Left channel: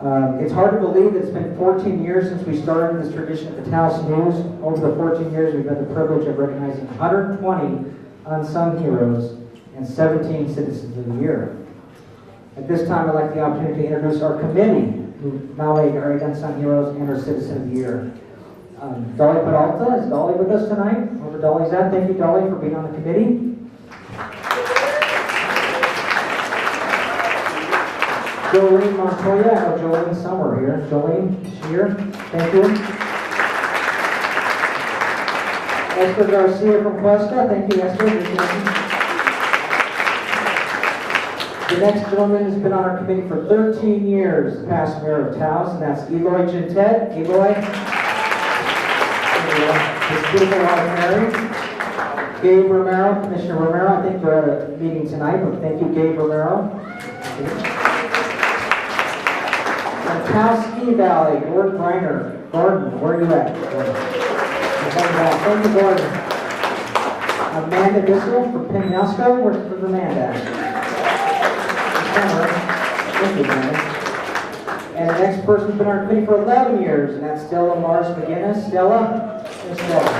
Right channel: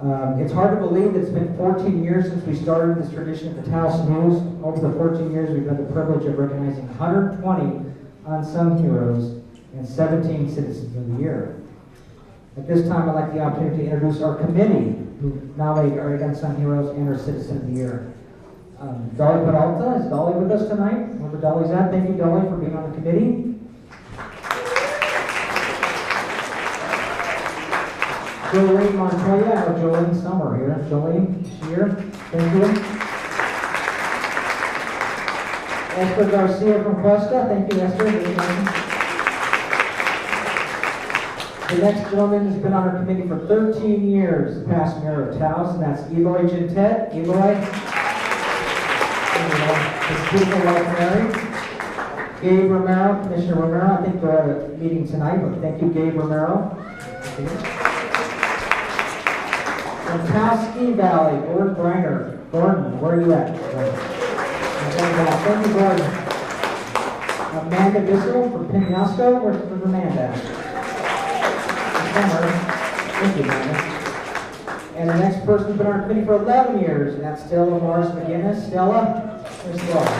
It's hard to believe that it's been 14 years since we started this tradition at the Taos News. Over the 14 years, we've had the privilege of recognizing 120 Unsung Heroes and 17 Citizens of the Year. At this time, I'd like the opportunity to introduce our committee who nominated our Unsung Heroes and our Citizen of the Year. Dolly Peralta, is Dolly with us tonight? Wherever Dolly's at, thank you, Dolly, for being on the committee. Jolene Montoya, I know Jolene somewhere here. Jolene, she's here. Thank you. Esther Garcia from Cuesta, thank you, Esther. The next gentleman has been on our committee for 13 years, the past mayor of Taos, and that's Eloy Gintet. Eloy. Gabe Romero, Commissioner Romero. I think they're at a meeting tonight, but thank you, Gabe Romero. And Taos Ski Valley, Gordon Briner. Gordon, where are you at? Thank you, Gordon. Amanda Bissell from Penobscot. Where's Amanda? Thank you, Amanda. And the next person's been on our committee for 11 years, and that's Stella Mars McGinnis. Stella? Here's Stella.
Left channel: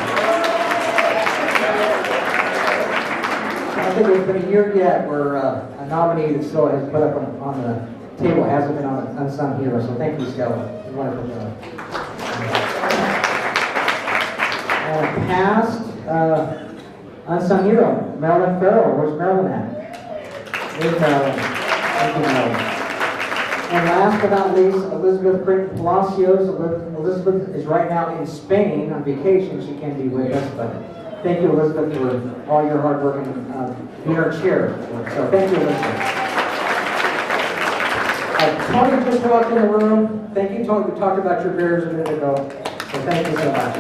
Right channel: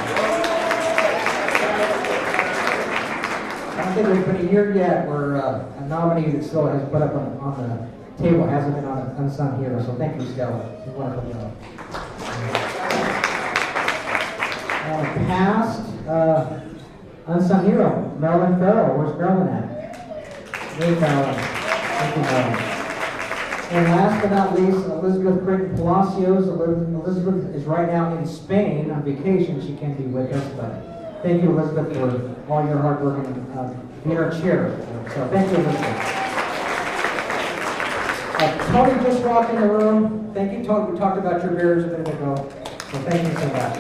I don't think there's been a year yet where a nominee that still has put up on the table hasn't been on an Unsung Hero, so thank you, Stella. You're wonderful job. And past Unsung Hero, Marilyn Farrell. Where's Marilyn at? There's Marilyn. Thank you, Marilyn. And last but not least, Elizabeth Creighton Palacios. Elizabeth is right now in Spain on vacation. She can't be with us, but thank you, Elizabeth, for all your hard work and being our chair. So thank you, Elizabeth. Tony just walked in the room. Thank you, Tony. We talked about your beers a minute ago, so thank you so much.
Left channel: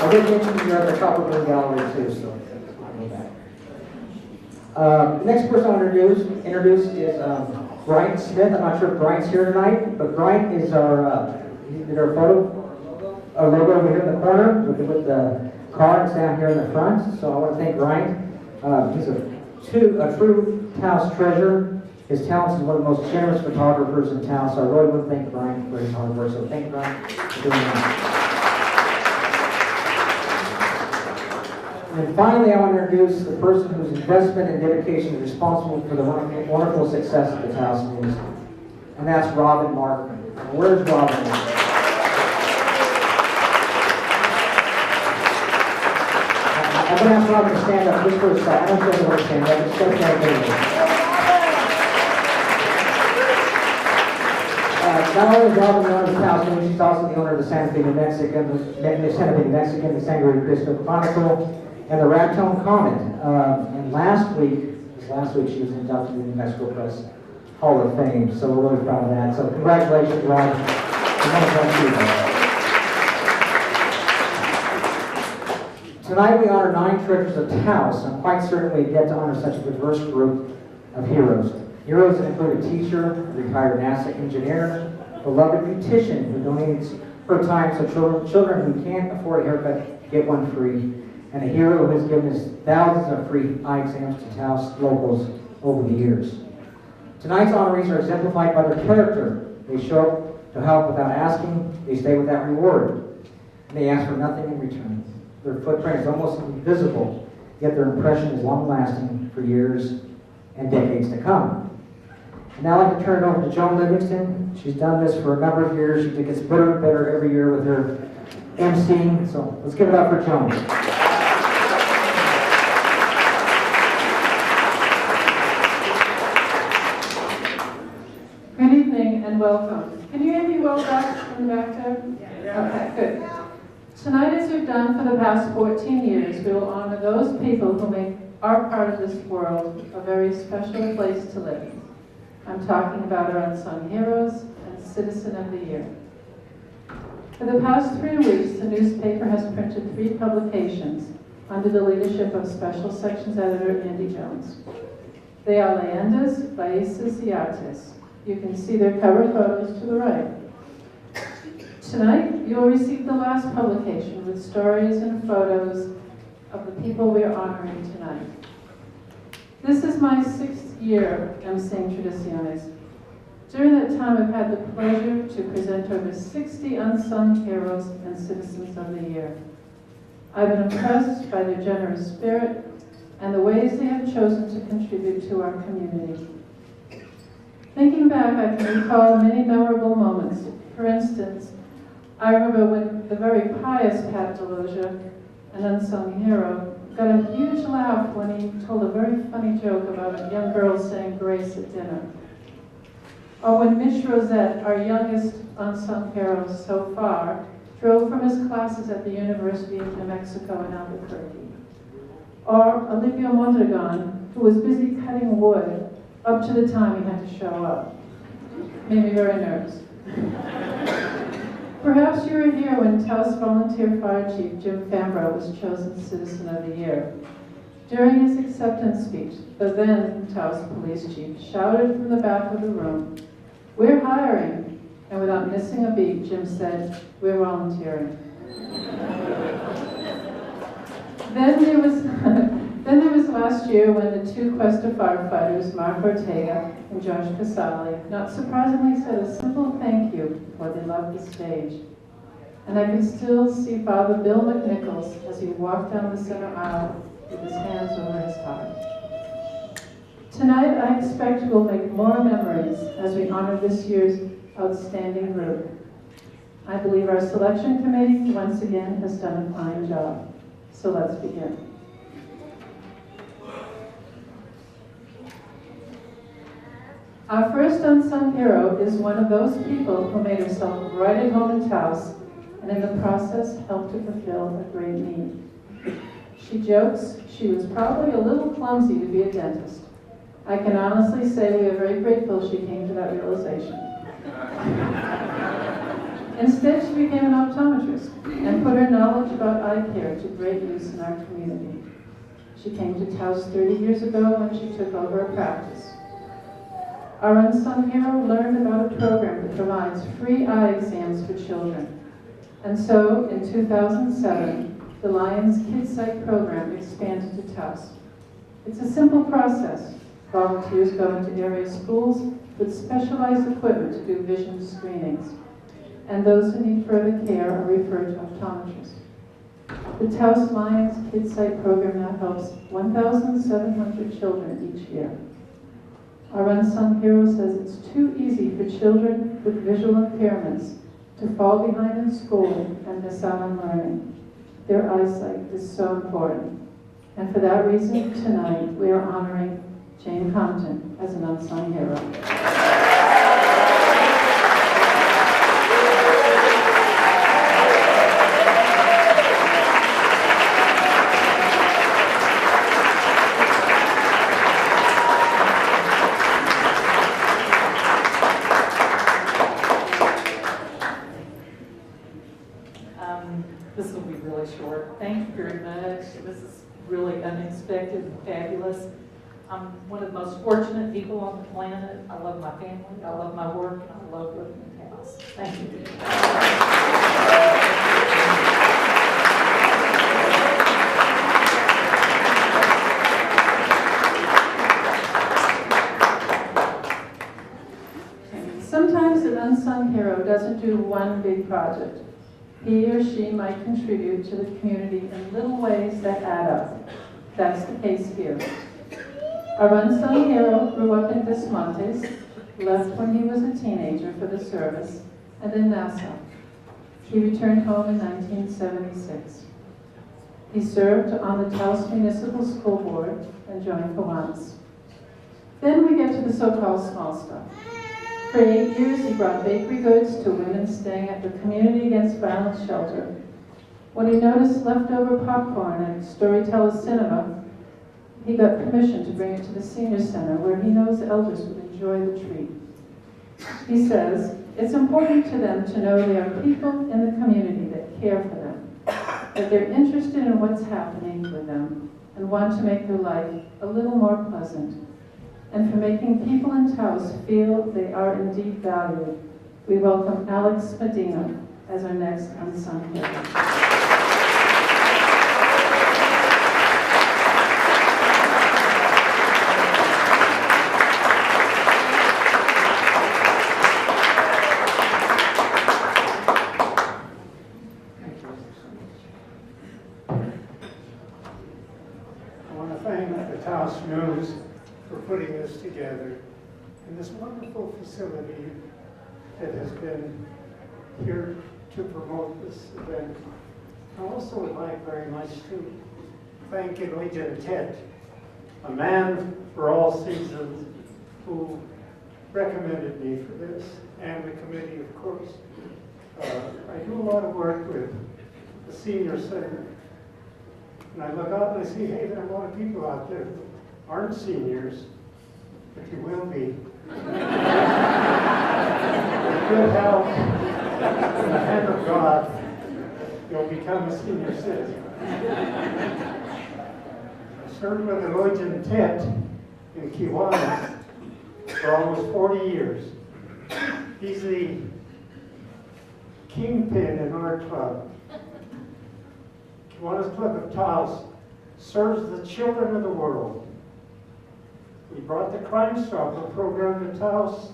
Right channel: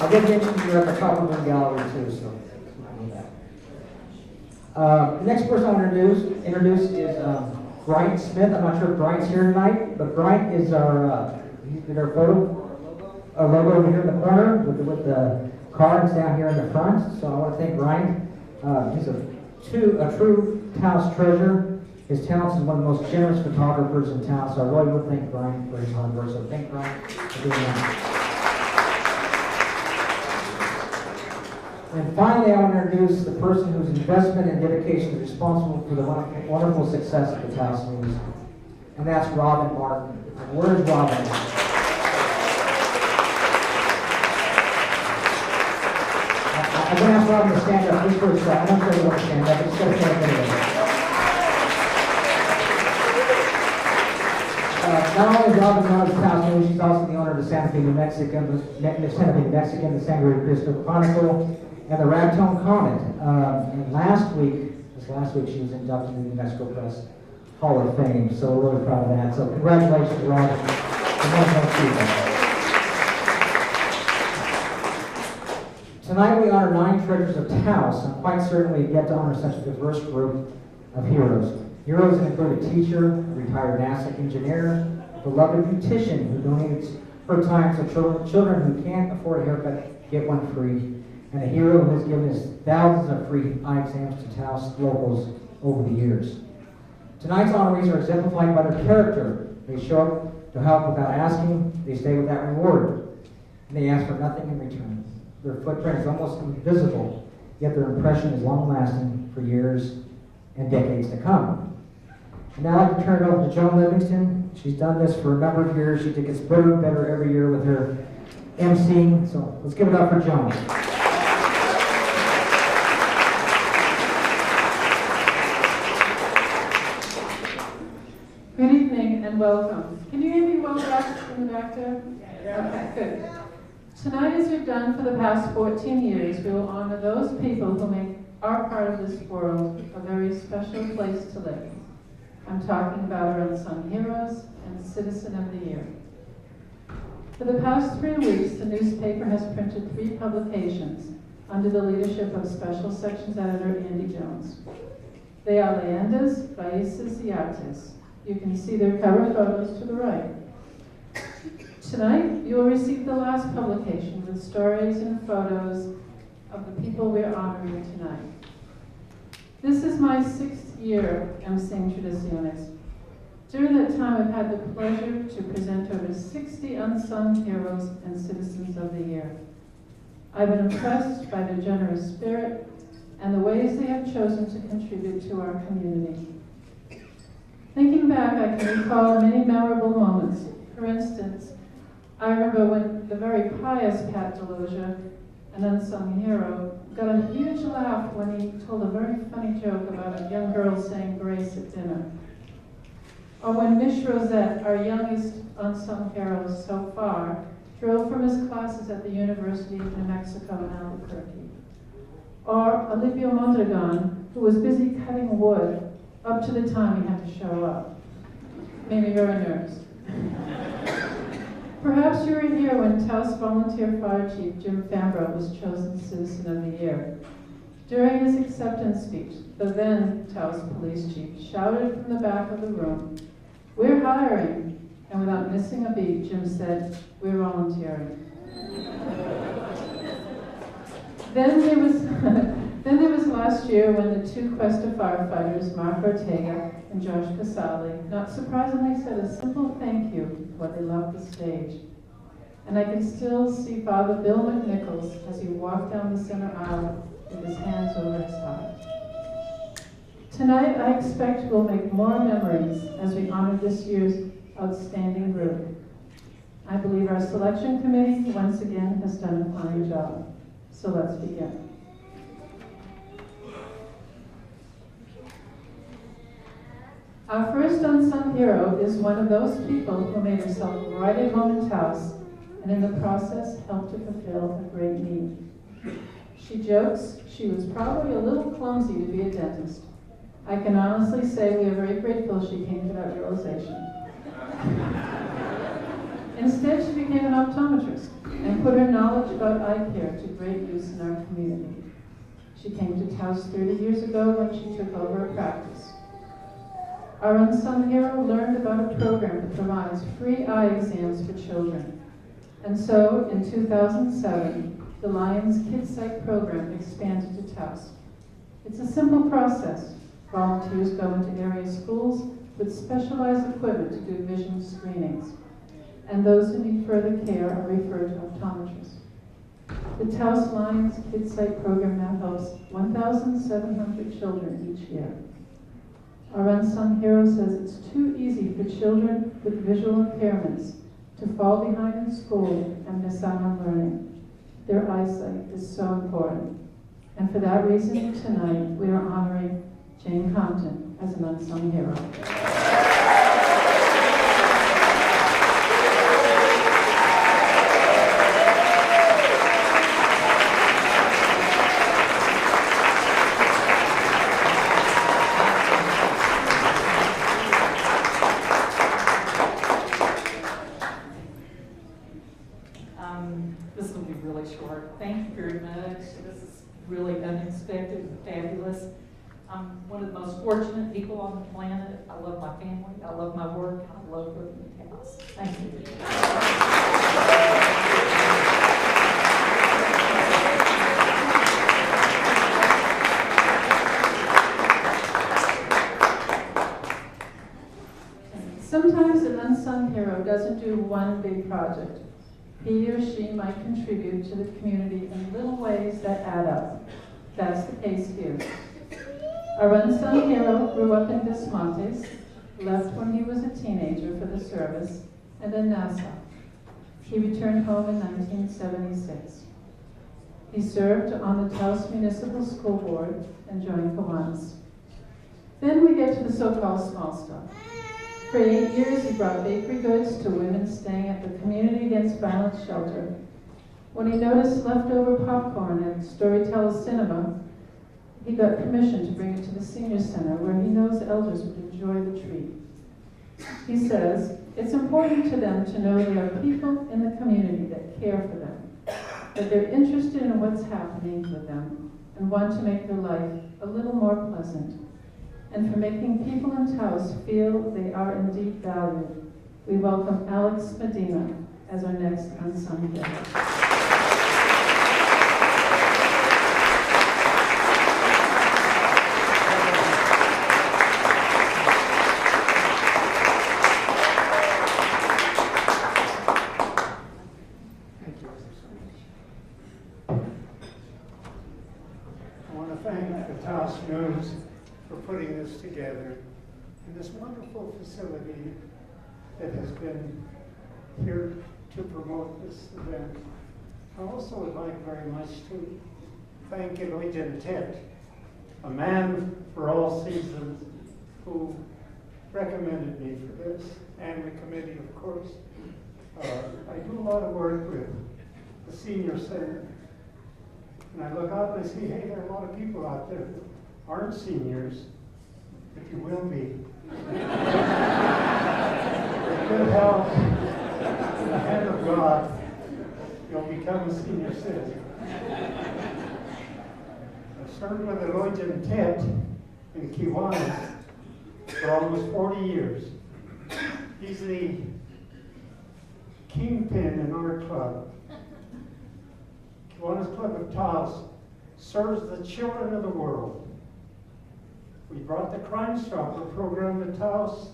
I did mention you're at the top of the gallery too, so the next person I want to introduce is Brian Smith. I'm not sure if Brian's here tonight, but Brian is our photo, our logo over here in the corner with the car, and it's down here in the front. So I want to thank Brian. He's a true Taos treasure. His talents is one of the most generous photographers in Taos. So I really want to thank Brian for his hard work. So thank Brian for doing that. And finally, I want to introduce the person whose investment and dedication is responsible for the wonderful success of the Taos News. And that's Robin Martin. Where's Robin? I'm going to ask Robin to stand up just for a second. I'm going to show you where to stand up. Just step aside. Not only is Robin the owner of the Taos News, she's also the owner of the Santa Fe, New Mexican, the Sangre de Cristo Chronicle, and the Ragtone Comet. And last week she was inducted in the New Mexico Press Hall of Fame, so we're really proud of that. So congratulations, Robin. Tonight we honor 9 treasures of Taos. I'm quite certain we get to honor such a diverse group of heroes. Heroes that include a teacher, a retired NASA engineer, a beloved beautician who donates her time so children who can't afford a haircut get one free, and a hero who has given us thousands of free eye exams to Taos locals over the years. Tonight's honorees are exemplified by their character. They show up to help without asking, they stay without reward, and they ask for nothing in return. Their footprint is almost invisible, yet their impression is long-lasting for years and decades to come. And now I'd like to turn it over to Joan Livingston. She's done this for a number of years. She gets better and better every year with her emceeing. So let's give it up for Joan. Good evening and welcome. Can you hear me well back in the back there? Okay, good. Tonight, as we've done for the past 14 years, we will honor those people who make our part of this world a very special place to live. I'm talking about our Unsung Heroes and Citizen of the Year. For the past 3 weeks, the newspaper has printed 3 publications under the leadership of Special Sections Editor Andy Jones. They are Leyendas, Raices, y Artes. You can see their cover photos to the right. Tonight, you will receive the last publication with stories and photos of the people we are honoring tonight. This is my 6th year emceeing Tradiciones. During that time, I've had the pleasure to present over 60 Unsung Heroes and Citizens of the Year. I've been impressed by their generous spirit and the ways they have chosen to contribute to our community. Thinking back, I can recall many memorable moments. For instance, I remember when the very pious Pat Deloja, an unsung hero, got a huge laugh when he told a very funny joke about a young girl saying grace at dinner. Or when Mish Rosette, our youngest unsung hero so far, drove from his classes at the University of New Mexico in Albuquerque. Or Olivia Mondragon, who was busy cutting wood up to the time he had to show up. Made me very nervous. Perhaps you were here when Taos Volunteer Fire Chief Jim Fambro was chosen Citizen of the Year. During his acceptance speech, the then Taos Police Chief shouted from the back of the room, "We're hiring." And without missing a beat, Jim said, "We're volunteering." Then there was last year when the two Cuesta firefighters, Mark Ortega and Josh Casale, not surprisingly said a simple thank you before they left the stage. And I can still see Father Bill McNichols as he walked down the center aisle with his hands over his heart. Tonight, I expect we'll make more memories as we honor this year's outstanding group. I believe our selection committee, once again, has done a fine job. So let's begin. Our first unsung hero is one of those people who made herself right at home in Taos and in the process helped to fulfill a great need. She jokes she was probably a little clumsy to be a dentist. I can honestly say we are very grateful she came to that realization. Instead, she became an optometrist and put her knowledge about eye care to great use in our community. She came to Taos 30 years ago when she took over a practice. Our unsung hero learned about a program that provides free eye exams for children. And so, in 2007, the Lions Kids Sight program expanded to Taos. It's a simple process. Volunteers go into area schools with specialized equipment to do vision screenings. And those who need further care are referred to optometrists. The Taos Lions Kids Sight program now helps 1,700 children each year. Our unsung hero says it's too easy for children with visual impairments to fall behind in school and miss out on learning. Their eyesight is so important. And for that reason, tonight we are honoring Jane Compton as an unsung hero. This will be really short. Thank you very much. This is really unexpected, fabulous. I'm one of the most fortunate people on the planet. I love my family, I love my work, and I love living in Taos. Thank you. Sometimes an unsung hero doesn't do one big project. He or she might contribute to the community in little ways that add up. That's the case here. Our unsung hero grew up in Des Montes, left when he was a teenager for the service, and then Nassau. He returned home in 1976. He served on the Taos Municipal School Board and joined Kiwanis. Then we get to the so-called small stuff. For 8 years, he brought bakery goods to women staying at the Community Against Violence shelter. When he noticed leftover popcorn at Storyteller Cinema, he got permission to bring it to the senior center where he knows elders would enjoy the treat. He says, it's important to them to know there are people in the community that care for them, that they're interested in what's happening with them, and want to make their life a little more pleasant. And for making people in Taos feel they are indeed valued, we welcome Alex Medina as our next unsung hero. thank the Taos News for putting this together and this wonderful facility that has been here to promote this event. I also would like very much to thank Legion Ted, a man for all seasons, who recommended me for this, and the committee, of course. I do a lot of work with the senior center, and I look out and I see, hey, there are a lot of people out there who aren't seniors, but you will be. With good health, in the hand of God, you'll become a senior citizen. I served with Legion Ted in Kiwanis for almost 40 years. He's the kingpin in our club. Kiwanis Club of Taos serves the children of the world. We brought the Crime Stopper program to Taos.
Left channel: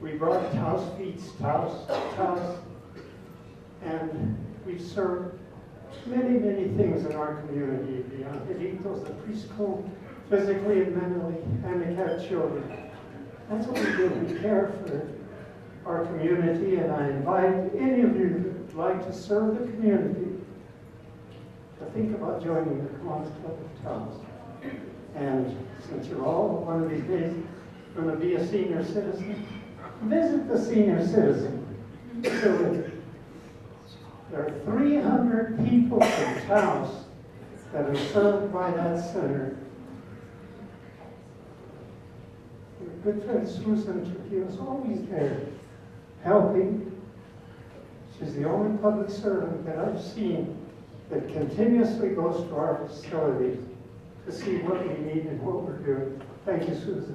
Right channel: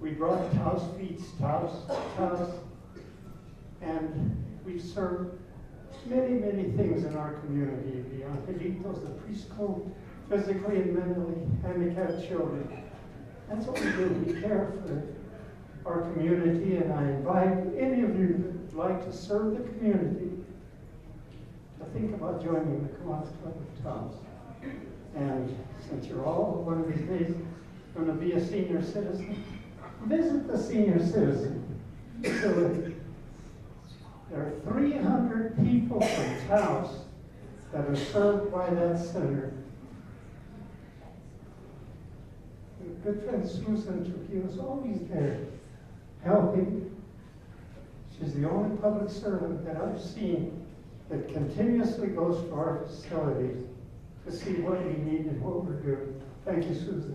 We brought Taos Feeds Taos, and we've served many, many things in our community. The Angelitos, the preschool, physically and mentally handicapped children. That's what we do. We care for our community, and I invite any of you who would like to serve the community to think about joining the Kiwanis Club of Taos. And since you're all one of these days going to be a senior citizen, visit the senior citizen facility. There are 300 people from Taos that are served by that center. My good friend Susan Trujillo is always there, helping. She's the only public servant that I've seen that continuously goes to our facilities to see what we need and what we're doing. Thank you, Susan.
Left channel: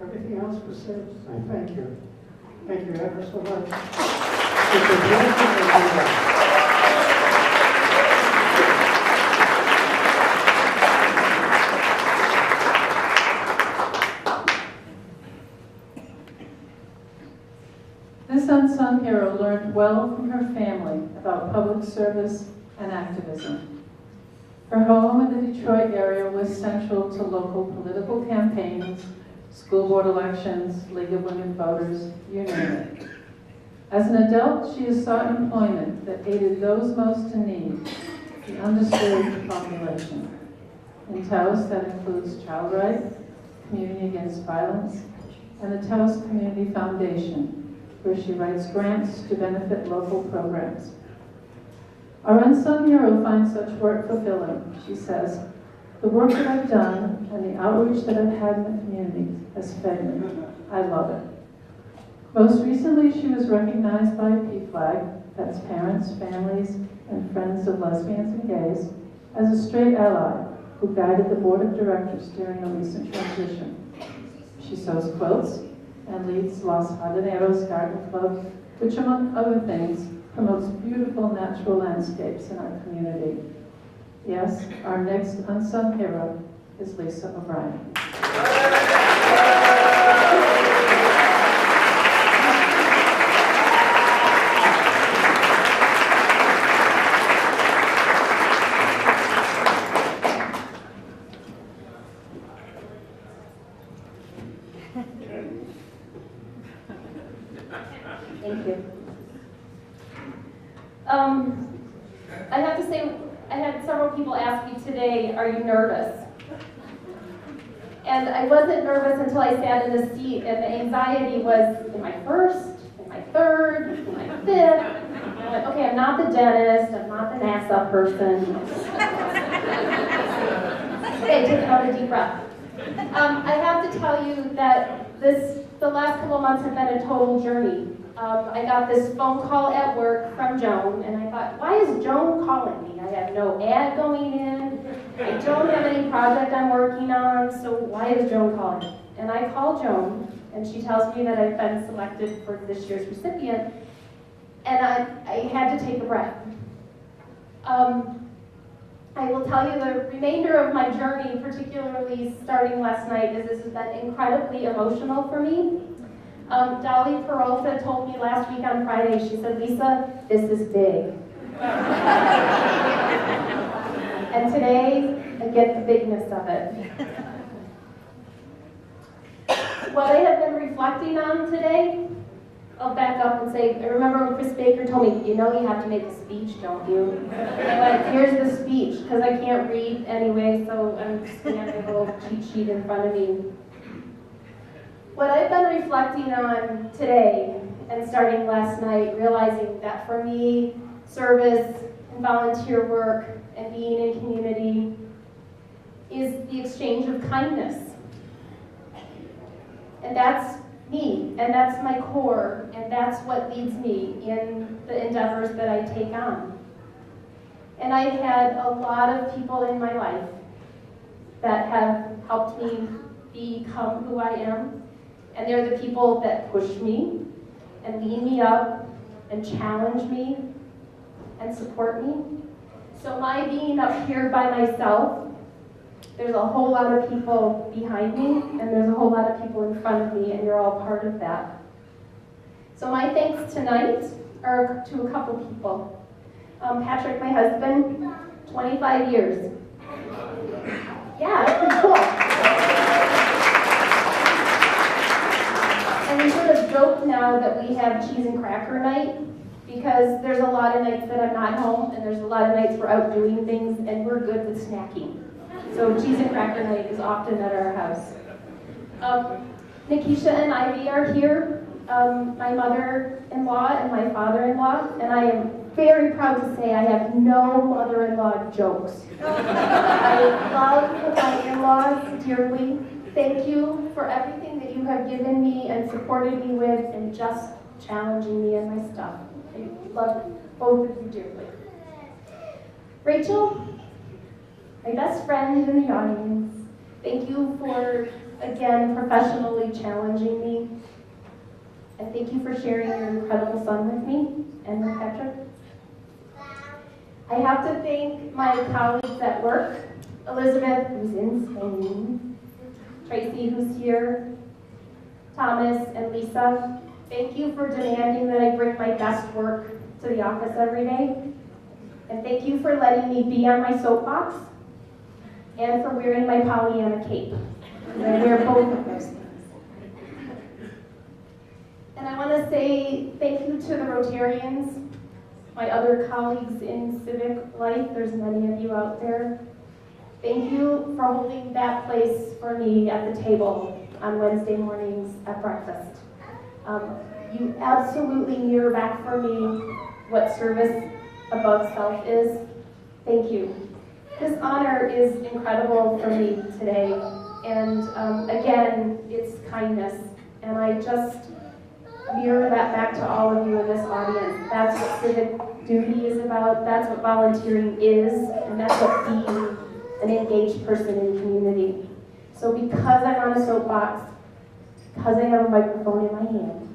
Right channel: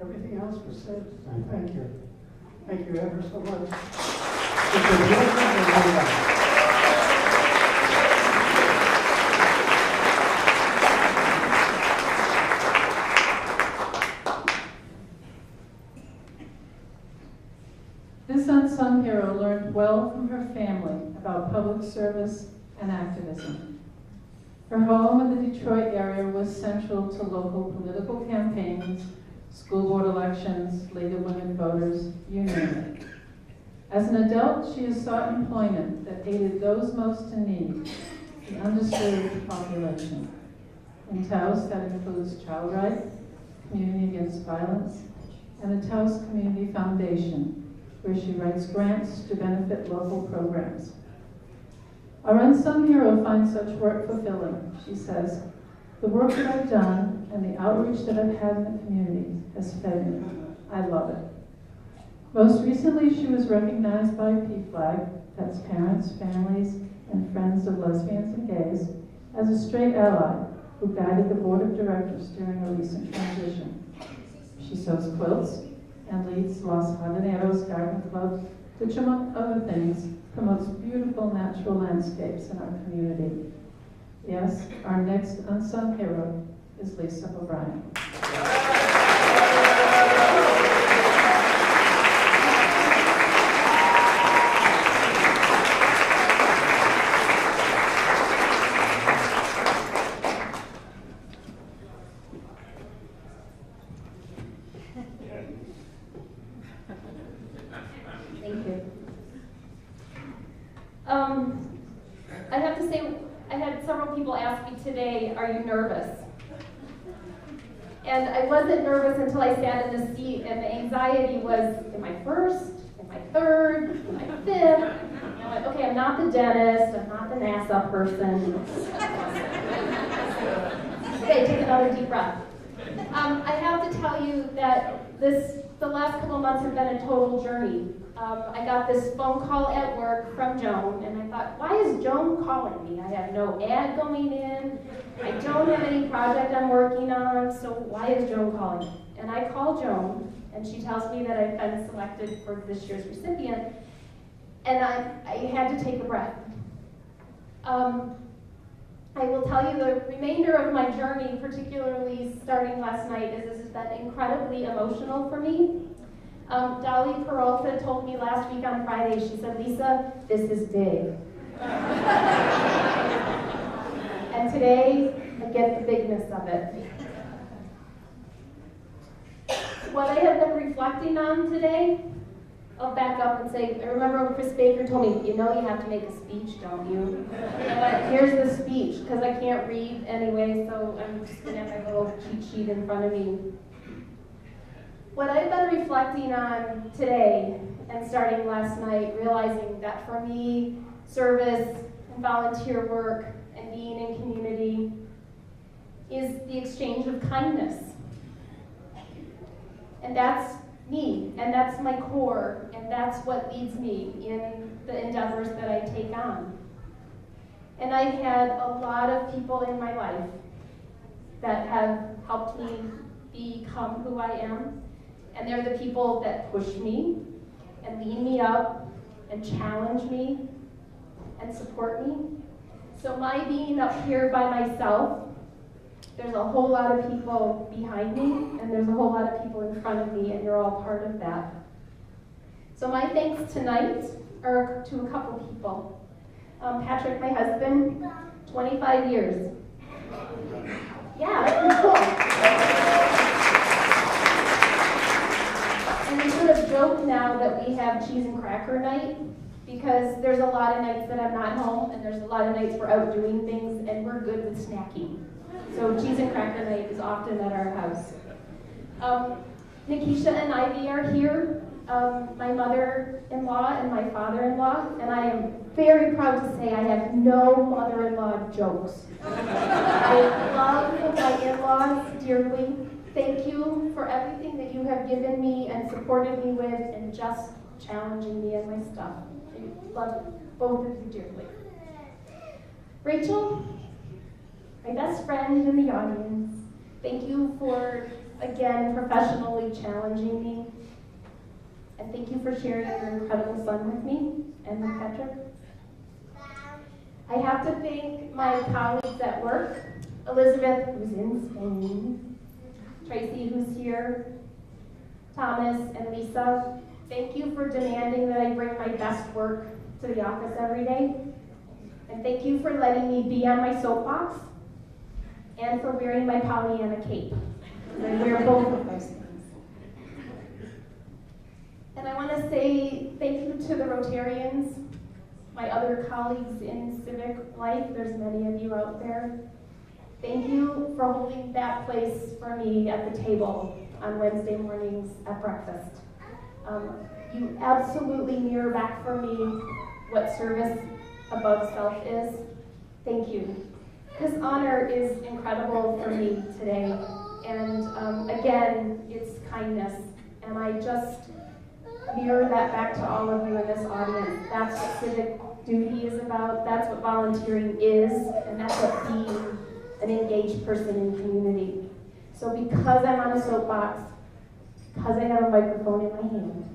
Everything else was said. I thank you. Thank you ever so much. This unsung hero learned well from her family about public service and activism. Her home in the Detroit area was central to local political campaigns, school board elections, League of Women Voters, you name it. As an adult, she has sought employment that aided those most in need, the underserved population. In Taos, that includes Child Right, Community Against Violence, and the Taos Community Foundation, where she writes grants to benefit local programs. Our unsung hero finds such work fulfilling. She says, "The work that I've done and the outreach that I've had in the community has fed me. I love it." Most recently, she was recognized by PFLAG, that's Parents, Families, and Friends of Lesbians and Gays, as a straight ally who guided the board of directors during a recent transition. She sews quilts and leads Los Jardineros Garden Club, which, among other things, promotes beautiful natural landscapes in our community. Yes, our next unsung hero is Lisa O'Brien. Thank you. I have to say, I had several people ask me today, are you nervous? And I wasn't nervous until I sat in the seat, and the anxiety was, am I first? Am I third? Am I fifth? And I went, okay, I'm not the dentist, I'm not the NASA person. Okay, take another deep breath. I have to tell you that the last couple months have been a total journey. I got this phone call at work from Joan, and I thought, why is Joan calling me? I have no ad going in, I don't have any project I'm working on, so why is Joan calling me? And I call Joan, and she tells me that I've been selected for this year's recipient, and I had to take a breath. I will tell you the remainder of my journey, particularly starting last night, is this has been incredibly emotional for me. Dolly Peralta told me last week on Friday, she said, Lisa, this is big. of it. What I have been reflecting on today, I'll back up and say, I remember when Chris Baker told me, you know you have to make a speech, don't you? And I went, here's the speech, because I can't read anyway, so I'm just going to have a little cheat sheet in front of me. What I've been reflecting on today, and starting last night, realizing that for me, service and volunteer work and being in community is the exchange of kindness. And that's me, and that's my core, and that's what leads me in the endeavors that I take on. And I've had a lot of people in my life that have helped me become who I am, and they're the people that push me and lead me up and challenge me and support me. So my being up here by myself, there's a whole lot of people behind me, and there's a whole lot of people in front of me, and you're all part of that. So my thanks tonight are to a couple people. Patrick, my husband, 25 years. Yeah, that's pretty cool. And we sort of joke now that we have cheese and cracker night, because there's a lot of nights that I'm not home, and there's a lot of nights we're out doing things, and we're good with snacking. So cheese and cracker night is often at our house. Nikisha and Ivy are here, my mother-in-law and my father-in-law, and I am very proud to say I have no mother-in-law jokes. I love my in-laws dearly. Thank you for everything that you have given me and supported me with and just challenging me in my stuff. I love both of you dearly. Rachel, my best friend in the audience, thank you for, again, professionally challenging me. And thank you for sharing your incredible son with me and with Patrick. I have to thank my colleagues at work, Elizabeth, who's in Spain, Tracy, who's here, Thomas, and Lisa. Thank you for demanding that I bring my best work to the office every day. And thank you for letting me be on my soapbox and for wearing my Pollyanna cape. I wear both of those things. And I want to say thank you to the Rotarians, my other colleagues in civic life. There's many of you out there. Thank you for holding that place for me at the table on Wednesday mornings at breakfast. You absolutely mirror back for me what service above self is. Thank you. This honor is incredible for me today, and again, it's kindness, and I just mirror that back to all of you in this audience. That's what civic duty is about, that's what volunteering is, and that's what being an engaged person in community. So because I'm on a soapbox, because I have a microphone in my hand,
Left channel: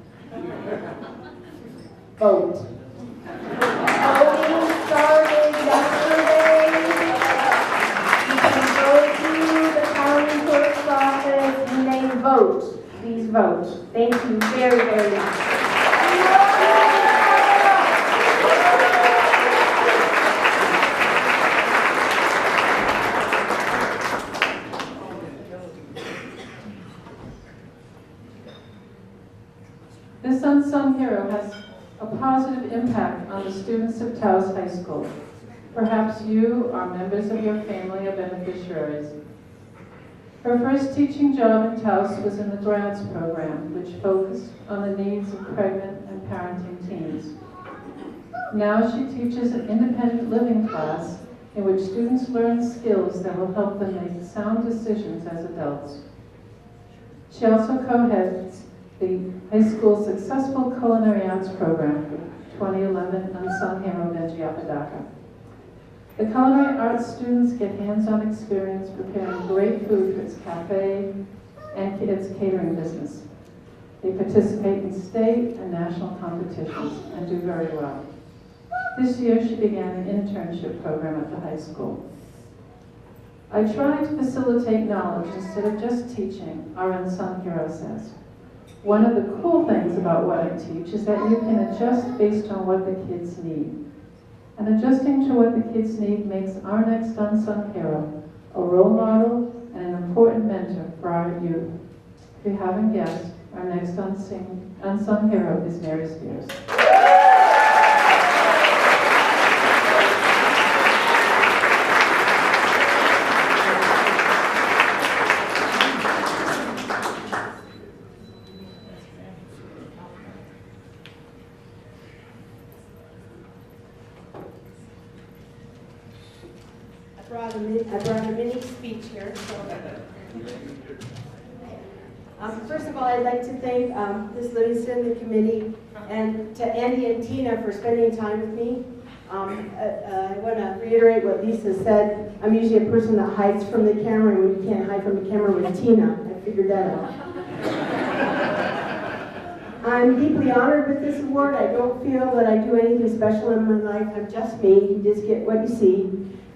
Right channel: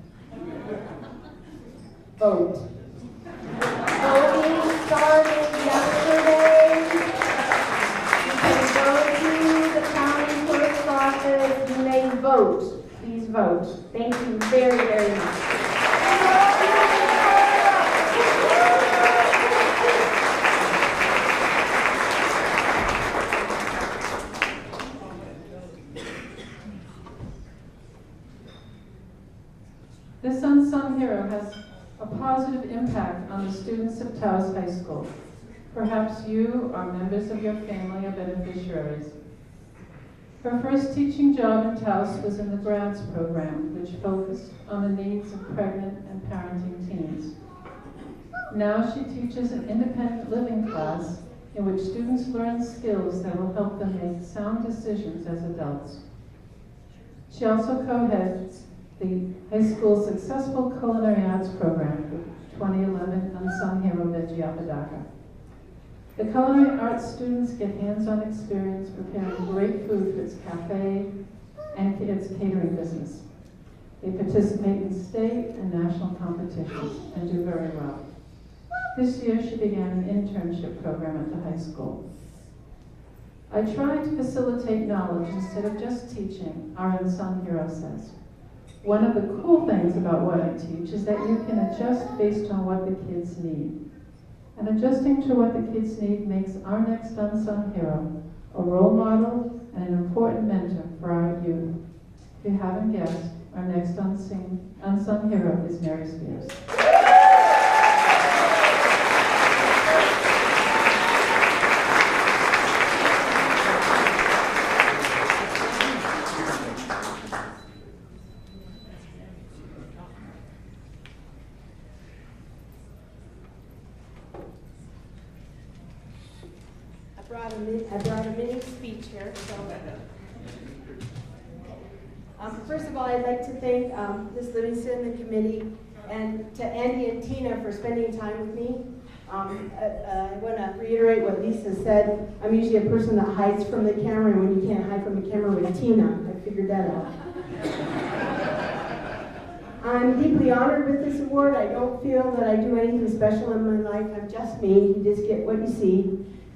vote. Voting started yesterday. To the county clerk's office, you may vote. Please vote. Thank you very, very much. This unsung hero has a positive impact on the students of Taos High School. Perhaps you or members of your family are beneficiaries. Her first teaching job in Taos was in the grads program, which focused on the needs of pregnant and parenting teens. Now she teaches an independent living class in which students learn skills that will help them make sound decisions as adults. She also co-heads the high school's successful culinary arts program for 2011 Unsung Hero Benji Apodaca. The culinary arts students get hands-on experience preparing great food for its cafe and its catering business. They participate in state and national competitions and do very well. This year she began an internship program at the high school. I try to facilitate knowledge instead of just teaching, our Unsung Hero says. One of the cool things about what I teach is that you can adjust based on what the kids need. And adjusting to what the kids need makes our next unsung hero a role model and an important mentor for our youth. If you haven't guessed, our next unsung hero is Mary Spears. I brought a mini speech here. So. First of all, I'd like to thank Ms. Livingston, the committee, and to Andy and Tina for spending time with me. I want to reiterate what Lisa said. I'm usually a person that hides from the camera, and when you can't hide from the camera with Tina, I figured that out. I'm deeply honored with this award. I don't feel that I do anything special in my life. I'm just me. You just get what you see.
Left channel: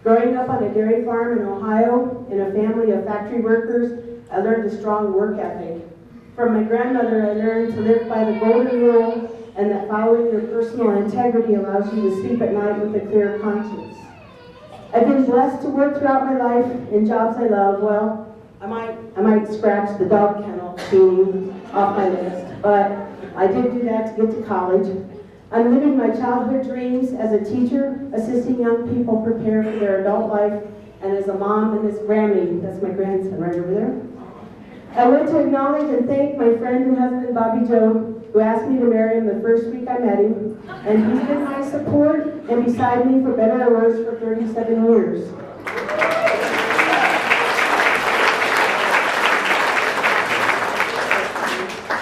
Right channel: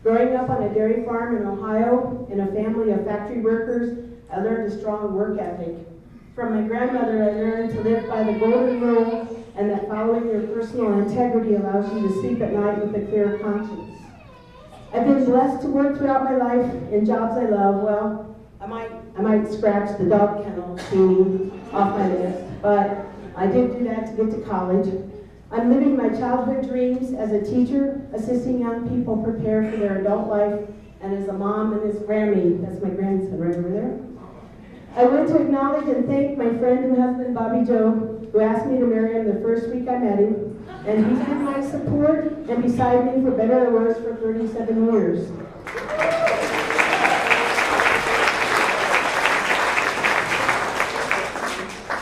Growing up on a dairy farm in Ohio, in a family of factory workers, I learned a strong work ethic. From my grandmother, I learned to live by the golden rule, and that following your personal integrity allows you to sleep at night with a clear conscience. I've been blessed to work throughout my life in jobs I love. Well, I might scratch the dog kennel cleaning off my list, but I did do that to get to college. I'm living my childhood dreams as a teacher, assisting young people prepare for their adult life, and as a mom and as Grammy, that's my grandson right over there. I want to acknowledge and thank my friend and husband, Bobby Joe, who asked me to marry him the first week I met him, and he's been my support and beside me for better or worse for 37 years.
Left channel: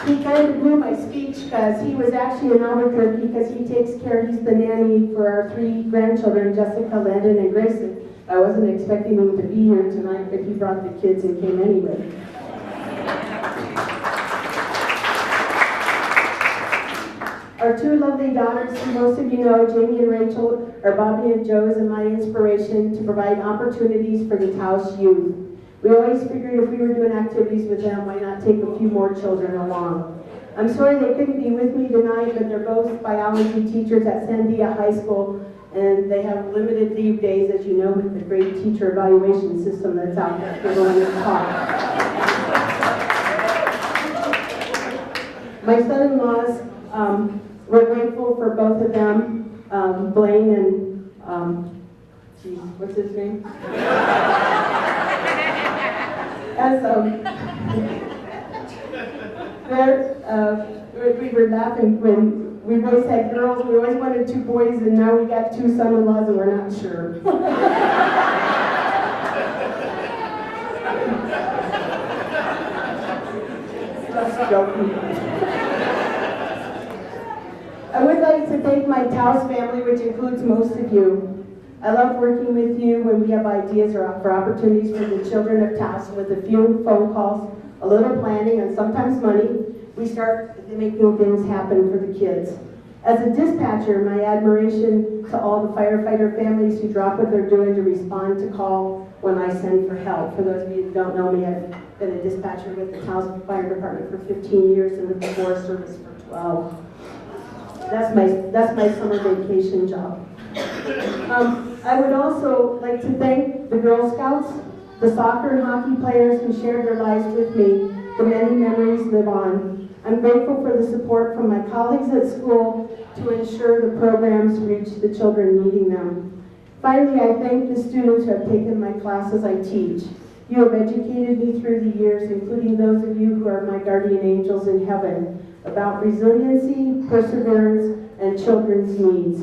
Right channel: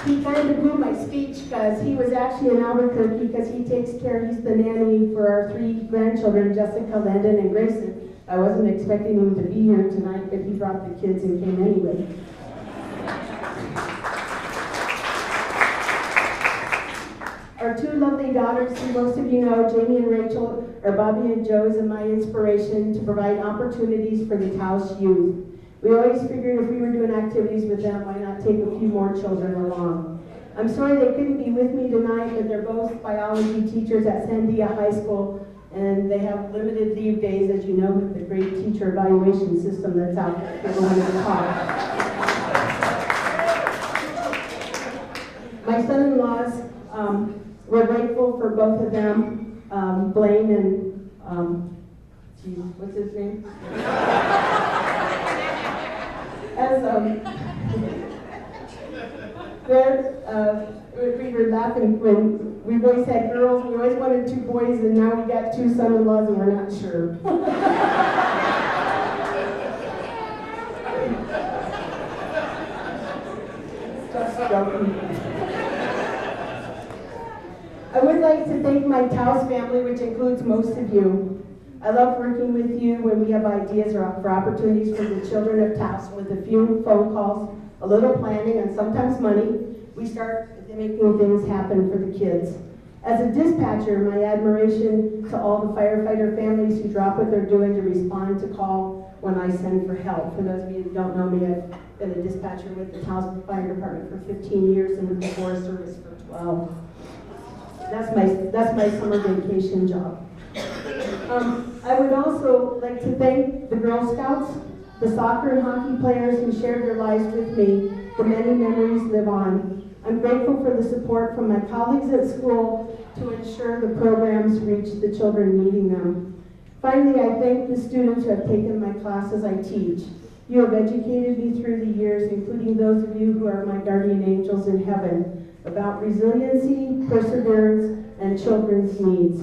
He kind of blew my speech because he was actually in Albuquerque because he's the nanny for our 3 grandchildren, Jessica, Landon, and Grayson. I wasn't expecting him to be here tonight, but he brought the kids and came anyway. Our 2 lovely daughters, who most of you know, Jamie and Rachel, are Bobby and Joe's and my inspiration to provide opportunities for the Taos youth. We always figured if we were doing activities with them, why not take a few more children along? I'm sorry they couldn't be with me tonight, but they're both biology teachers at Sandia High School, and they have limited leave days, as you know, with the great teacher evaluation system that's out there for going to talk. My son-in-laws, we're grateful for both of them, Blaine and, what's his name? As we were laughing when we've always had girls, we always wanted 2 boys, and now we got 2 son-in-laws and we're not sure. Just joking. I would like to thank my Taos family, which includes most of you. I love working with you when we have ideas or for opportunities for the children of Taos. With a few phone calls, a little planning, and sometimes money, we start making things happen for the kids. As a dispatcher, my admiration to all the firefighter families who drop what they're doing to respond to call when I send for help. For those of you who don't know me, I've been a dispatcher with the Taos Fire Department for 15 years and the Forest Service for 12. That's my summer vacation job. I would also like to thank the Girl Scouts, the soccer and hockey players who shared their lives with me. The many memories live on. I'm grateful for the support from my colleagues at school to ensure the programs reach the children needing them. Finally, I thank the students who have taken my classes I teach. You have educated me through the years, including those of you who are my guardian angels in heaven, about resiliency, perseverance, and children's needs.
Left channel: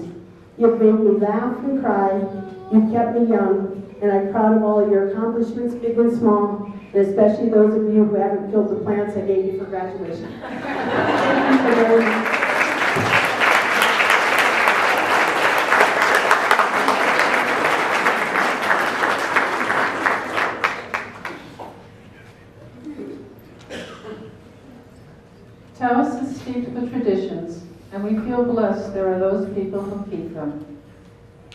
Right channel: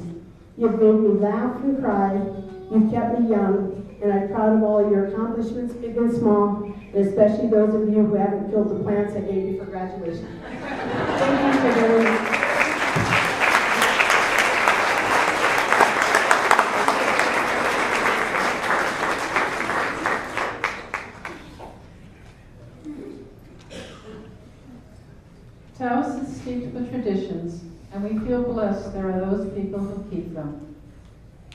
You've made me laugh and cry. You've kept me young, and I'm proud of all your accomplishments, big and small, and especially those of you who haven't killed the plants I gave you for graduation. Thank you very much. Taos is steeped with traditions, and we feel blessed there are those people who keep them.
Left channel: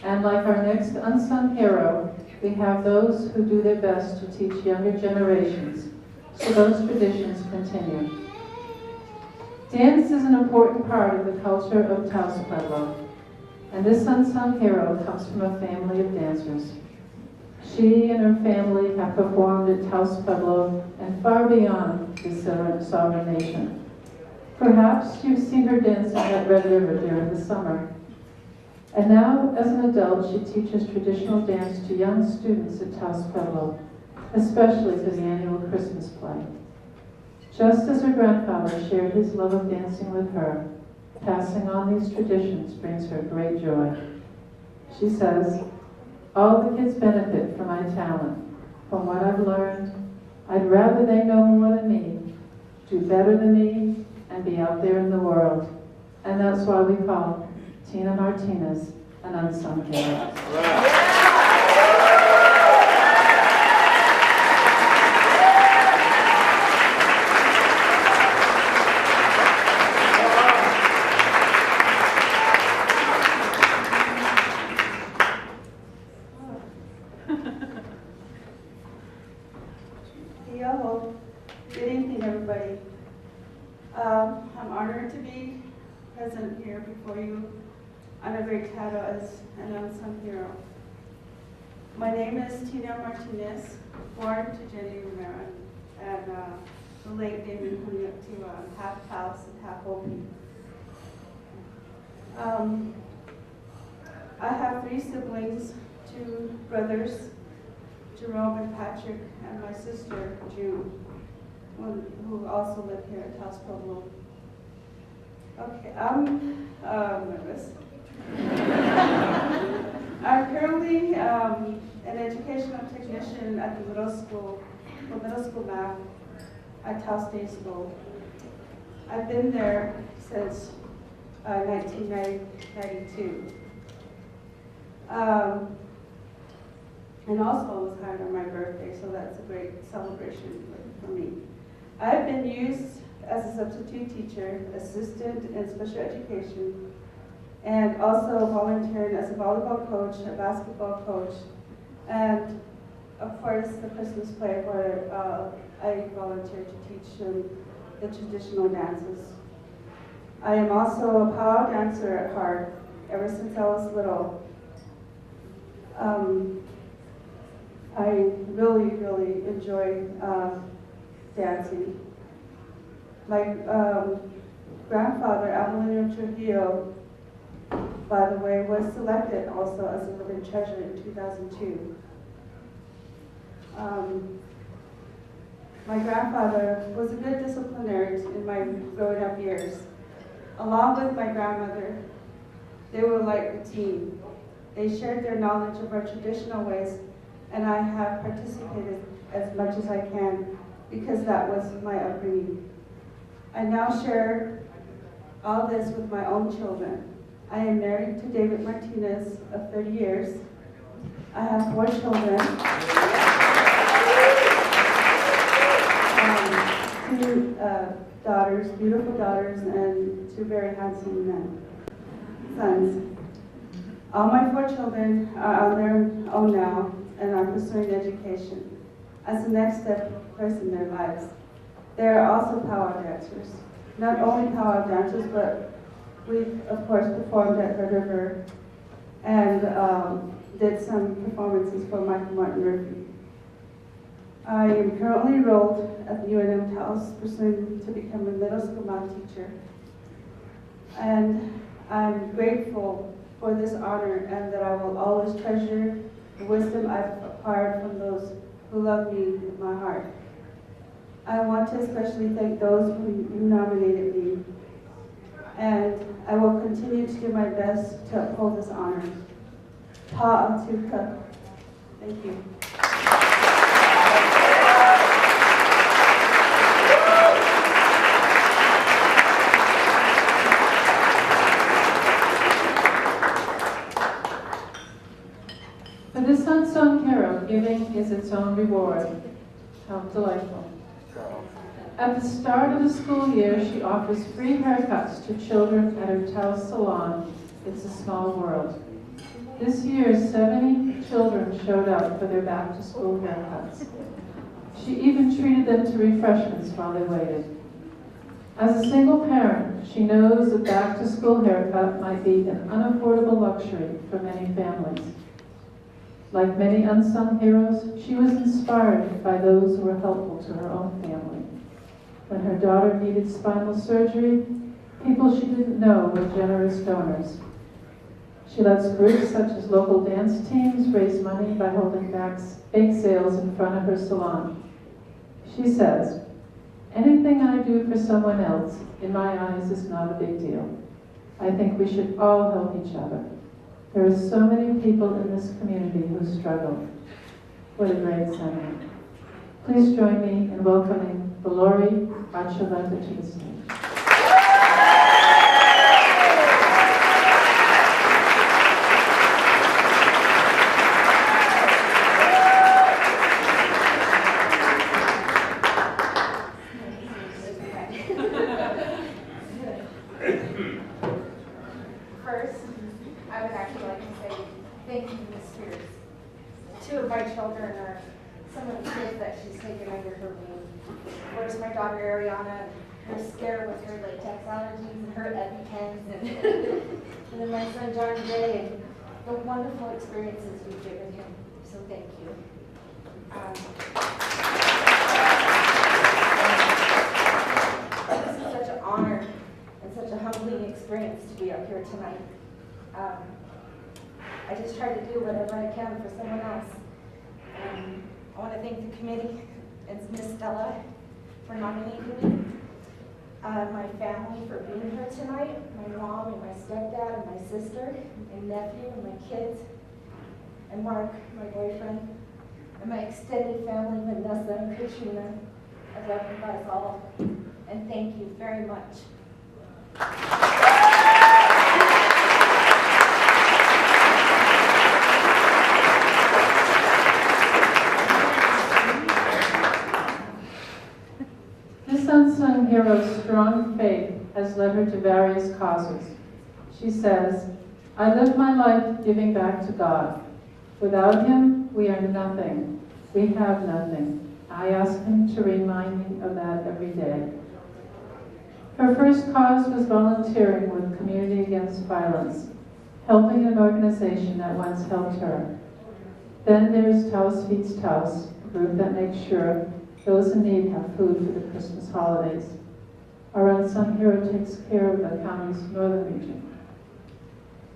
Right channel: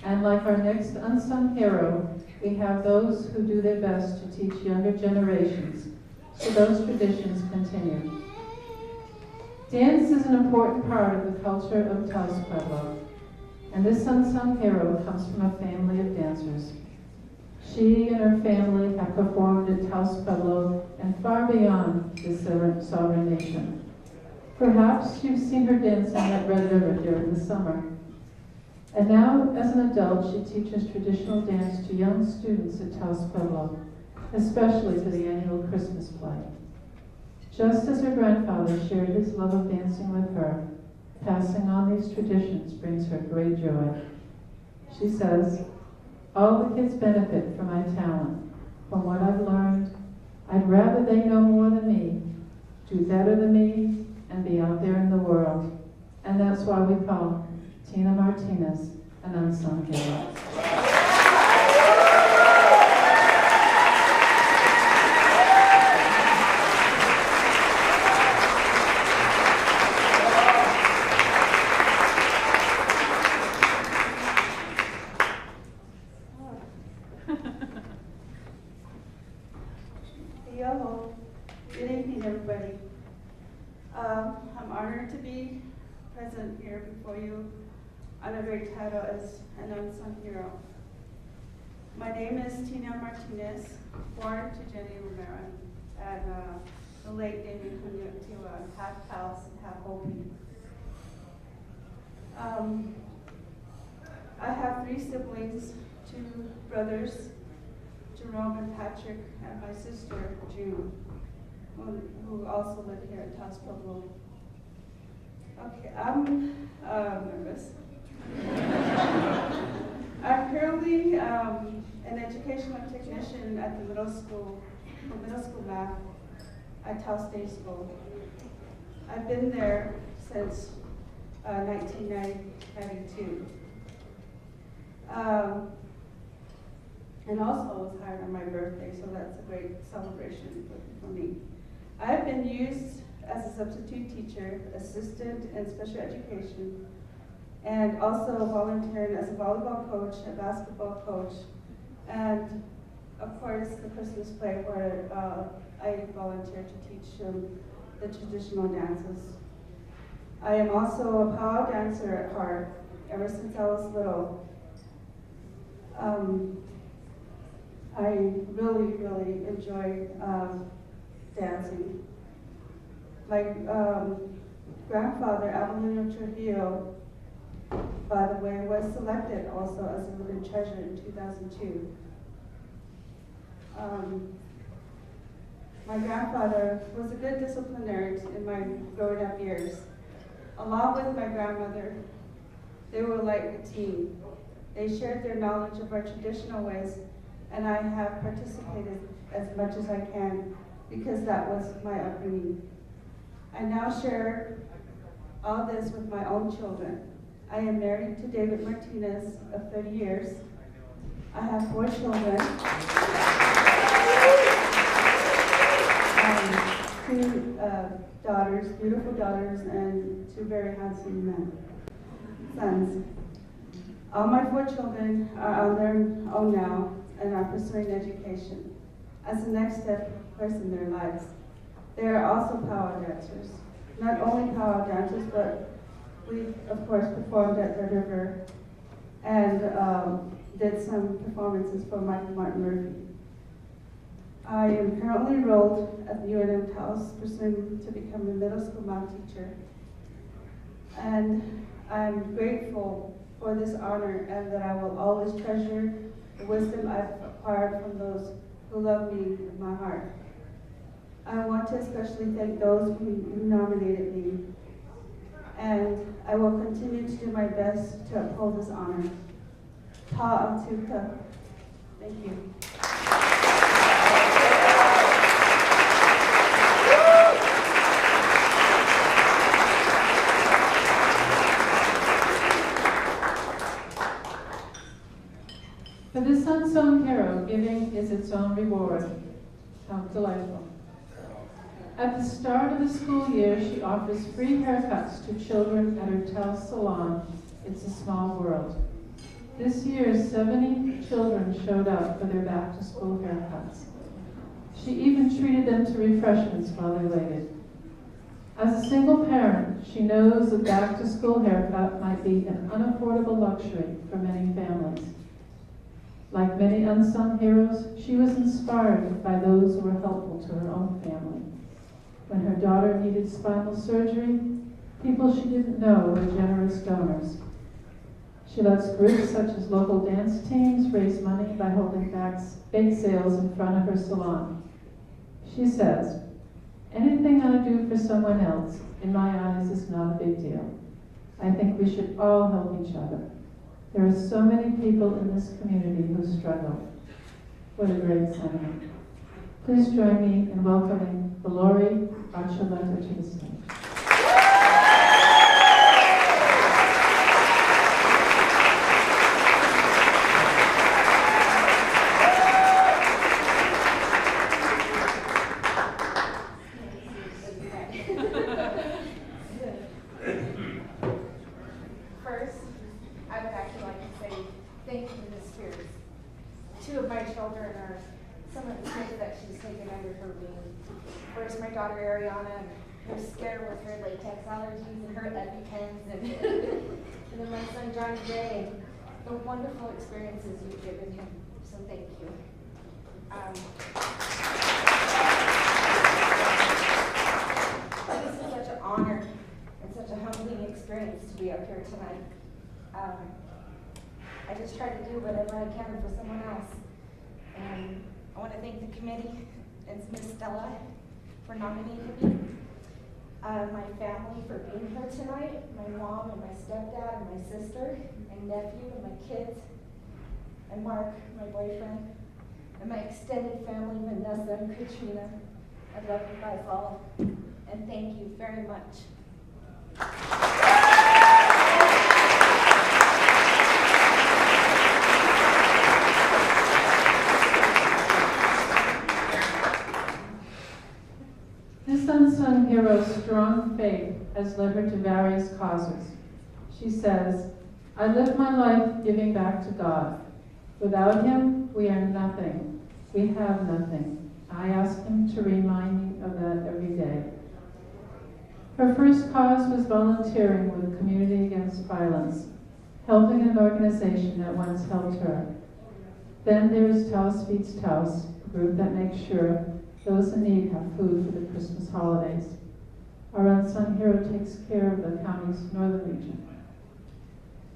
And like our next unsung hero, we have those who do their best to teach younger generations, so those traditions continue. Dance is an important part of the culture of Taos Pueblo, and this unsung hero comes from a family of dancers. She and her family have performed at Taos Pueblo and far beyond this sovereign nation. Perhaps you've seen her dancing at Red River during the summer. And now, as an adult, she teaches traditional dance to young students at Taos Pueblo, especially for the annual Christmas play. Just as her grandfather shared his love of dancing with her, passing on these traditions brings her great joy. She says, "All the kids benefit from my talent. From what I've learned, I'd rather they know more than me, do better than me, and be out there in the world." And that's why we call Tina Martinez an unsung hero. Hello. Good evening, everybody. I'm honored to be present here before you on a great title as an unsung hero. My name is Tina Martinez, born to Jenny Rivera, and the late David to half Taos and half Hopi. I have 3 siblings, 2 brothers, Jerome and Patrick, and my sister, June, who also live here at Taos Pueblo. Okay, I'm nervous. I'm currently an educational technician at the middle school, for middle school math at Taos State School. I've been there since 1992. And also was hired on my birthday, so that's a great celebration for me. I've been used as a substitute teacher, assistant in special education, and also volunteered as a volleyball coach, a basketball coach, and of course the Christmas play where I volunteered to teach the traditional dances. I am also a powwow dancer at heart ever since I was little. I really, really enjoy dancing. My grandfather, Amelino Trujillo, by the way, was selected also as a living treasure in 2002. My grandfather was a good disciplinarian in my growing up years. Along with my grandmother, they were like a team. They shared their knowledge of our traditional ways, and I have participated as much as I can because that was my upbringing. I now share all this with my own children. I am married to David Martinez of 30 years. I have 4 children. 2 daughters, beautiful daughters, and 2 very handsome sons. All my 4 children are on their own now and are pursuing education as the next step, of course, in their lives. They are also powwow dancers. Not only powwow dancers, but we, of course, performed at Red River and did some performances for Michael Martin Murphy. I am currently enrolled at the UNM-Taos, pursuing to become a middle school math teacher. And I'm grateful for this honor and that I will always treasure the wisdom I've acquired from those who love me in my heart. I want to especially thank those who nominated me, and I will continue to do my best to uphold this honor. Ta Atuka. Thank you. For this unsung hero, giving is its own reward. How delightful. At the start of the school year, she offers free haircuts to children at her Taos salon, It's a Small World. This year, 70 children showed up for their back-to-school haircuts. She even treated them to refreshments while they waited. As a single parent, she knows a back-to-school haircut might be an unaffordable luxury for many families. Like many unsung heroes, she was inspired by those who were helpful to her own family. When her daughter needed spinal surgery, people she didn't know were generous donors. She lets groups such as local dance teams raise money by holding bake sales in front of her salon. She says, "Anything I do for someone else, in my eyes, is not a big deal. I think we should all help each other. There are so many people in this community who struggle." What a great sentiment. Please join me in welcoming Valori Archuleta to the stage. First, I would actually like to say thank you, Ms. Spears. Two of my children are some of the kids that she's taken under her wing. Where's my daughter Ariana and her scare with her latex allergies and her EpiPens and then my son John Gray and the wonderful experiences you've given him. So thank you. This is such an honor and such a humbling experience to be up here tonight. I just try to do whatever I can for someone else. And I want to thank the committee and Ms. Stella for nominating me. My family for being here tonight, my mom and my stepdad and my sister and nephew and my kids, and Mark, my boyfriend, and my extended family, Vanessa and Katrina. I love you guys all, and thank you very much. This unsung hero's strong faith has led her to various causes. She says, "I live my life giving back to God. Without Him, we are nothing. We have nothing. I ask Him to remind me of that every day." Her first cause was volunteering with Community Against Violence, helping an organization that once helped her. Then there's Taos Feeds Taos, a group that makes sure those in need have food for the Christmas holidays. Our unsung hero takes care of the county's northern region.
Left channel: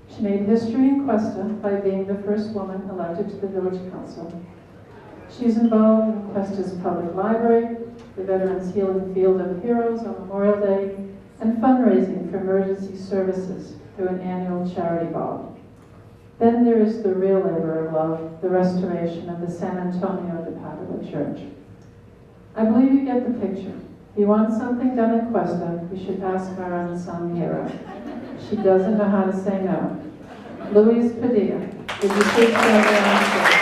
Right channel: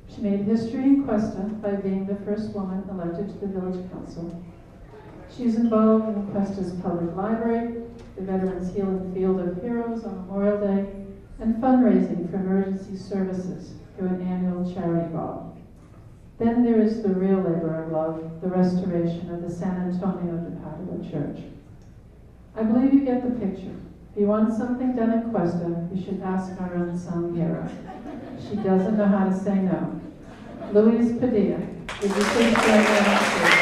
She made history in Cuesta by being the first woman elected to the village council. She's involved in Cuesta's public library, the Veterans Healing Field of Heroes on Memorial Day, and fundraising for emergency services through an annual charity ball. Then there is the real labor of love, the restoration of the San Antonio de Padua Church. I believe you get the picture. If you want something done in Cuesta, you should ask our unsung hero. She doesn't know how to say no. Louise Padilla, would you please join me on stage?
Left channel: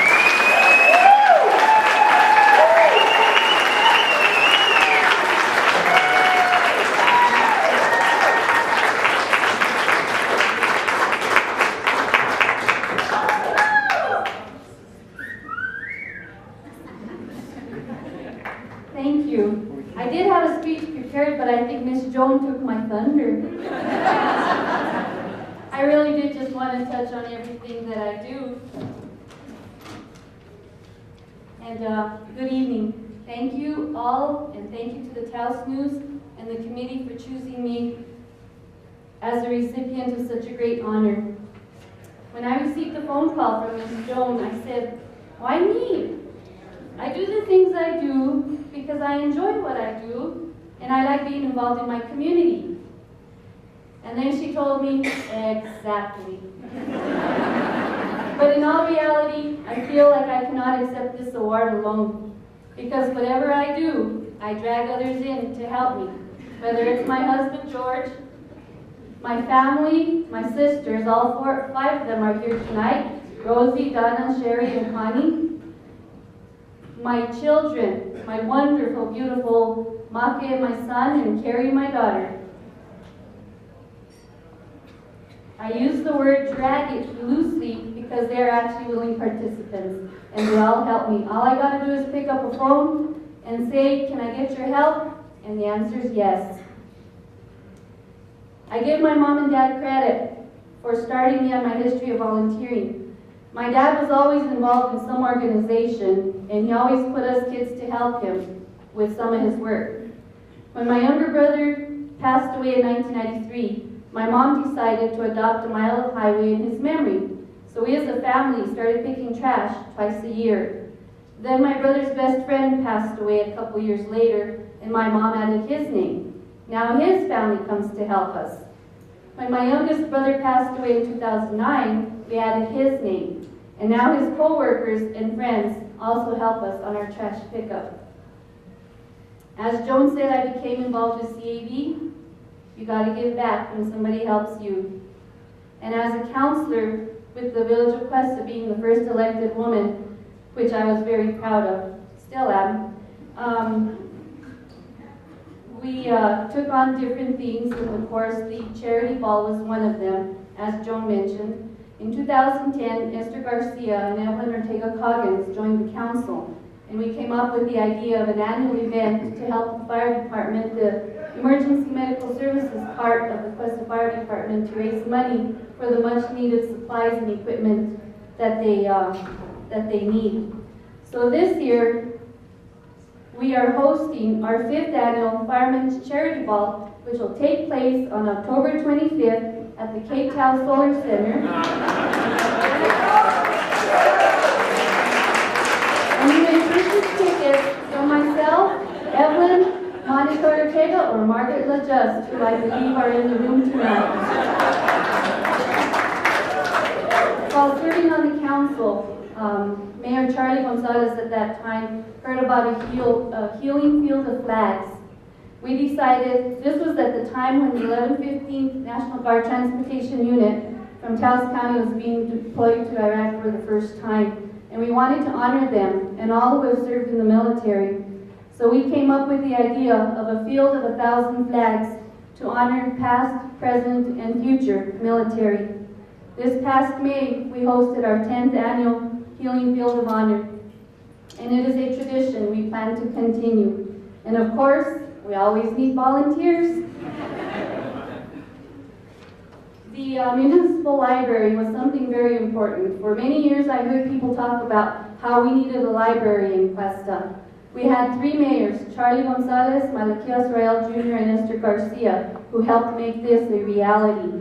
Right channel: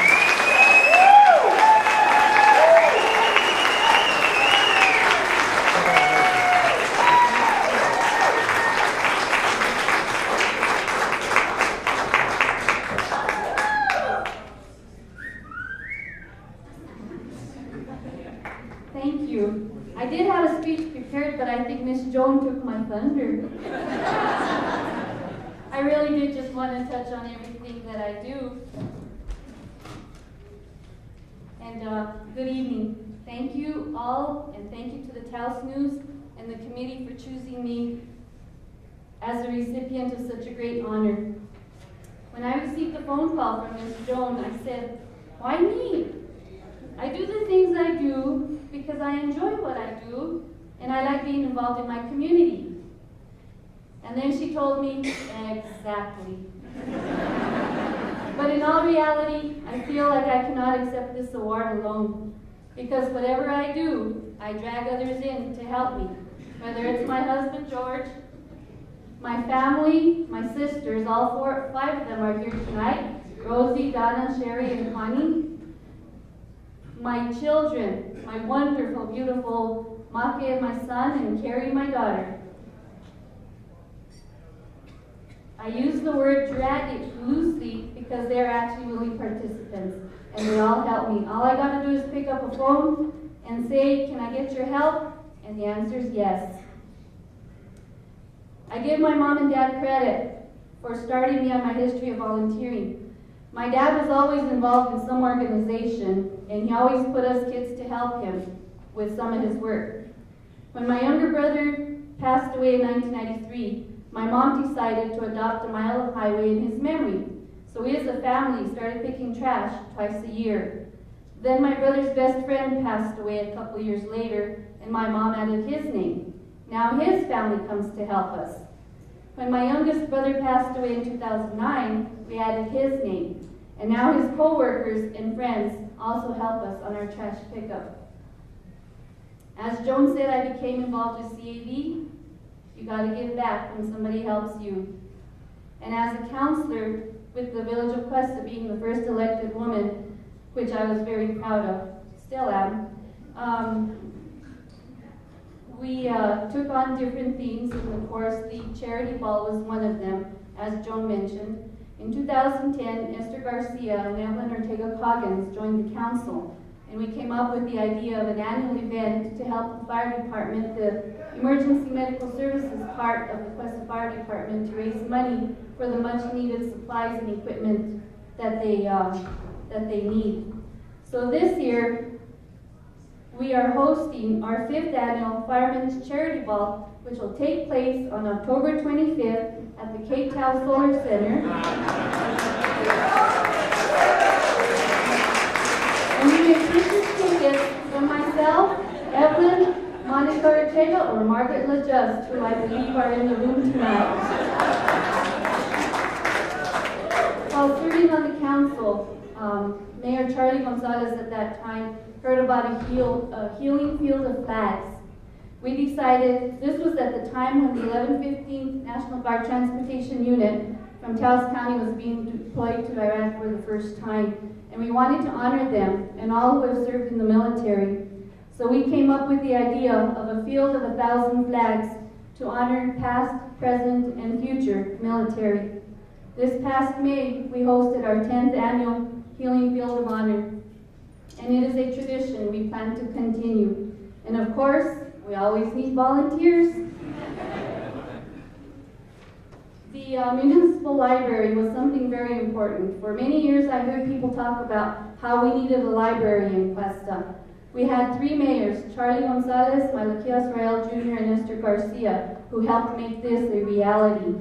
Thank you. I did have a speech prepared, but I think Miss Joan took my thunder. I really did just want to touch on everything that I do. And good evening. Thank you all, and thank you to the Taos News and the committee for choosing me as the recipient of such a great honor. When I received the phone call from Miss Joan, I said, "Why me? I do the things I do because I enjoy what I do, and I like being involved in my community." And then she told me, exactly. But in all reality, I feel like I cannot accept this award alone, because whatever I do, I drag others in to help me, whether it's my husband, George, my family, my sisters, all five of them are here tonight, Rosie, Donna, Sherry, and Connie, my children, my wonderful, beautiful Make, my son, and Carrie, my daughter. I use the word drag it loosely because they're actually willing participants, and they all help me. All I gotta do is pick up a phone and say, "Can I get your help?" And the answer is yes. I give my mom and dad credit for starting me on my history of volunteering. My dad was always involved in some organization, and he always put us kids to help him with some of his work. When my younger brother passed away in 1993, my mom decided to adopt a mile of highway in his memory. So we as a family started picking trash twice a year. Then my brother's best friend passed away a couple years later, and my mom added his name. Now his family comes to help us. When my youngest brother passed away in 2009, we added his name. And now his co-workers and friends also help us on our trash pickup. As Joan said, I became involved with CAB. You gotta give back when somebody helps you. And as a counselor with the Village of Cuesta, being the first elected woman, which I was very proud of, still am, we took on different things, and of course the charity ball was one of them, as Joan mentioned. In 2010, Esther Garcia and Evelyn Ortega-Coggins joined the council, and we came up with the idea of an annual event to help the fire department, the emergency medical services part of the Cuesta Fire Department, to raise money for the much needed supplies and equipment that they need. So this year, we are hosting our 5th annual Firemen's Charity Ball, which will take place on October 25th at the Cape Town Solar Center. And you may purchase tickets from myself, Evelyn, Monte Ortega, or Margaret LaJust, who I believe are in the room tonight. While serving on the council, Mayor Charlie Gonzalez at that time heard about a healing field of flags. We decided, this was at the time when the 1115th National Guard Transportation Unit from Taos County was being deployed to Iraq for the first time, and we wanted to honor them and all who have served in the military. So we came up with the idea of a field of 1,000 flags to honor past, present, and future military. This past May, we hosted our 10th annual Healing Field of Honor, and it is a tradition we plan to continue. And of course, we always need volunteers. The municipal library was something very important. For many years, I heard people talk about how we needed a library in Cuesta. We had 3 mayors, Charlie Gonzalez, Malaquias Royal Jr., and Esther Garcia, who helped make this a reality.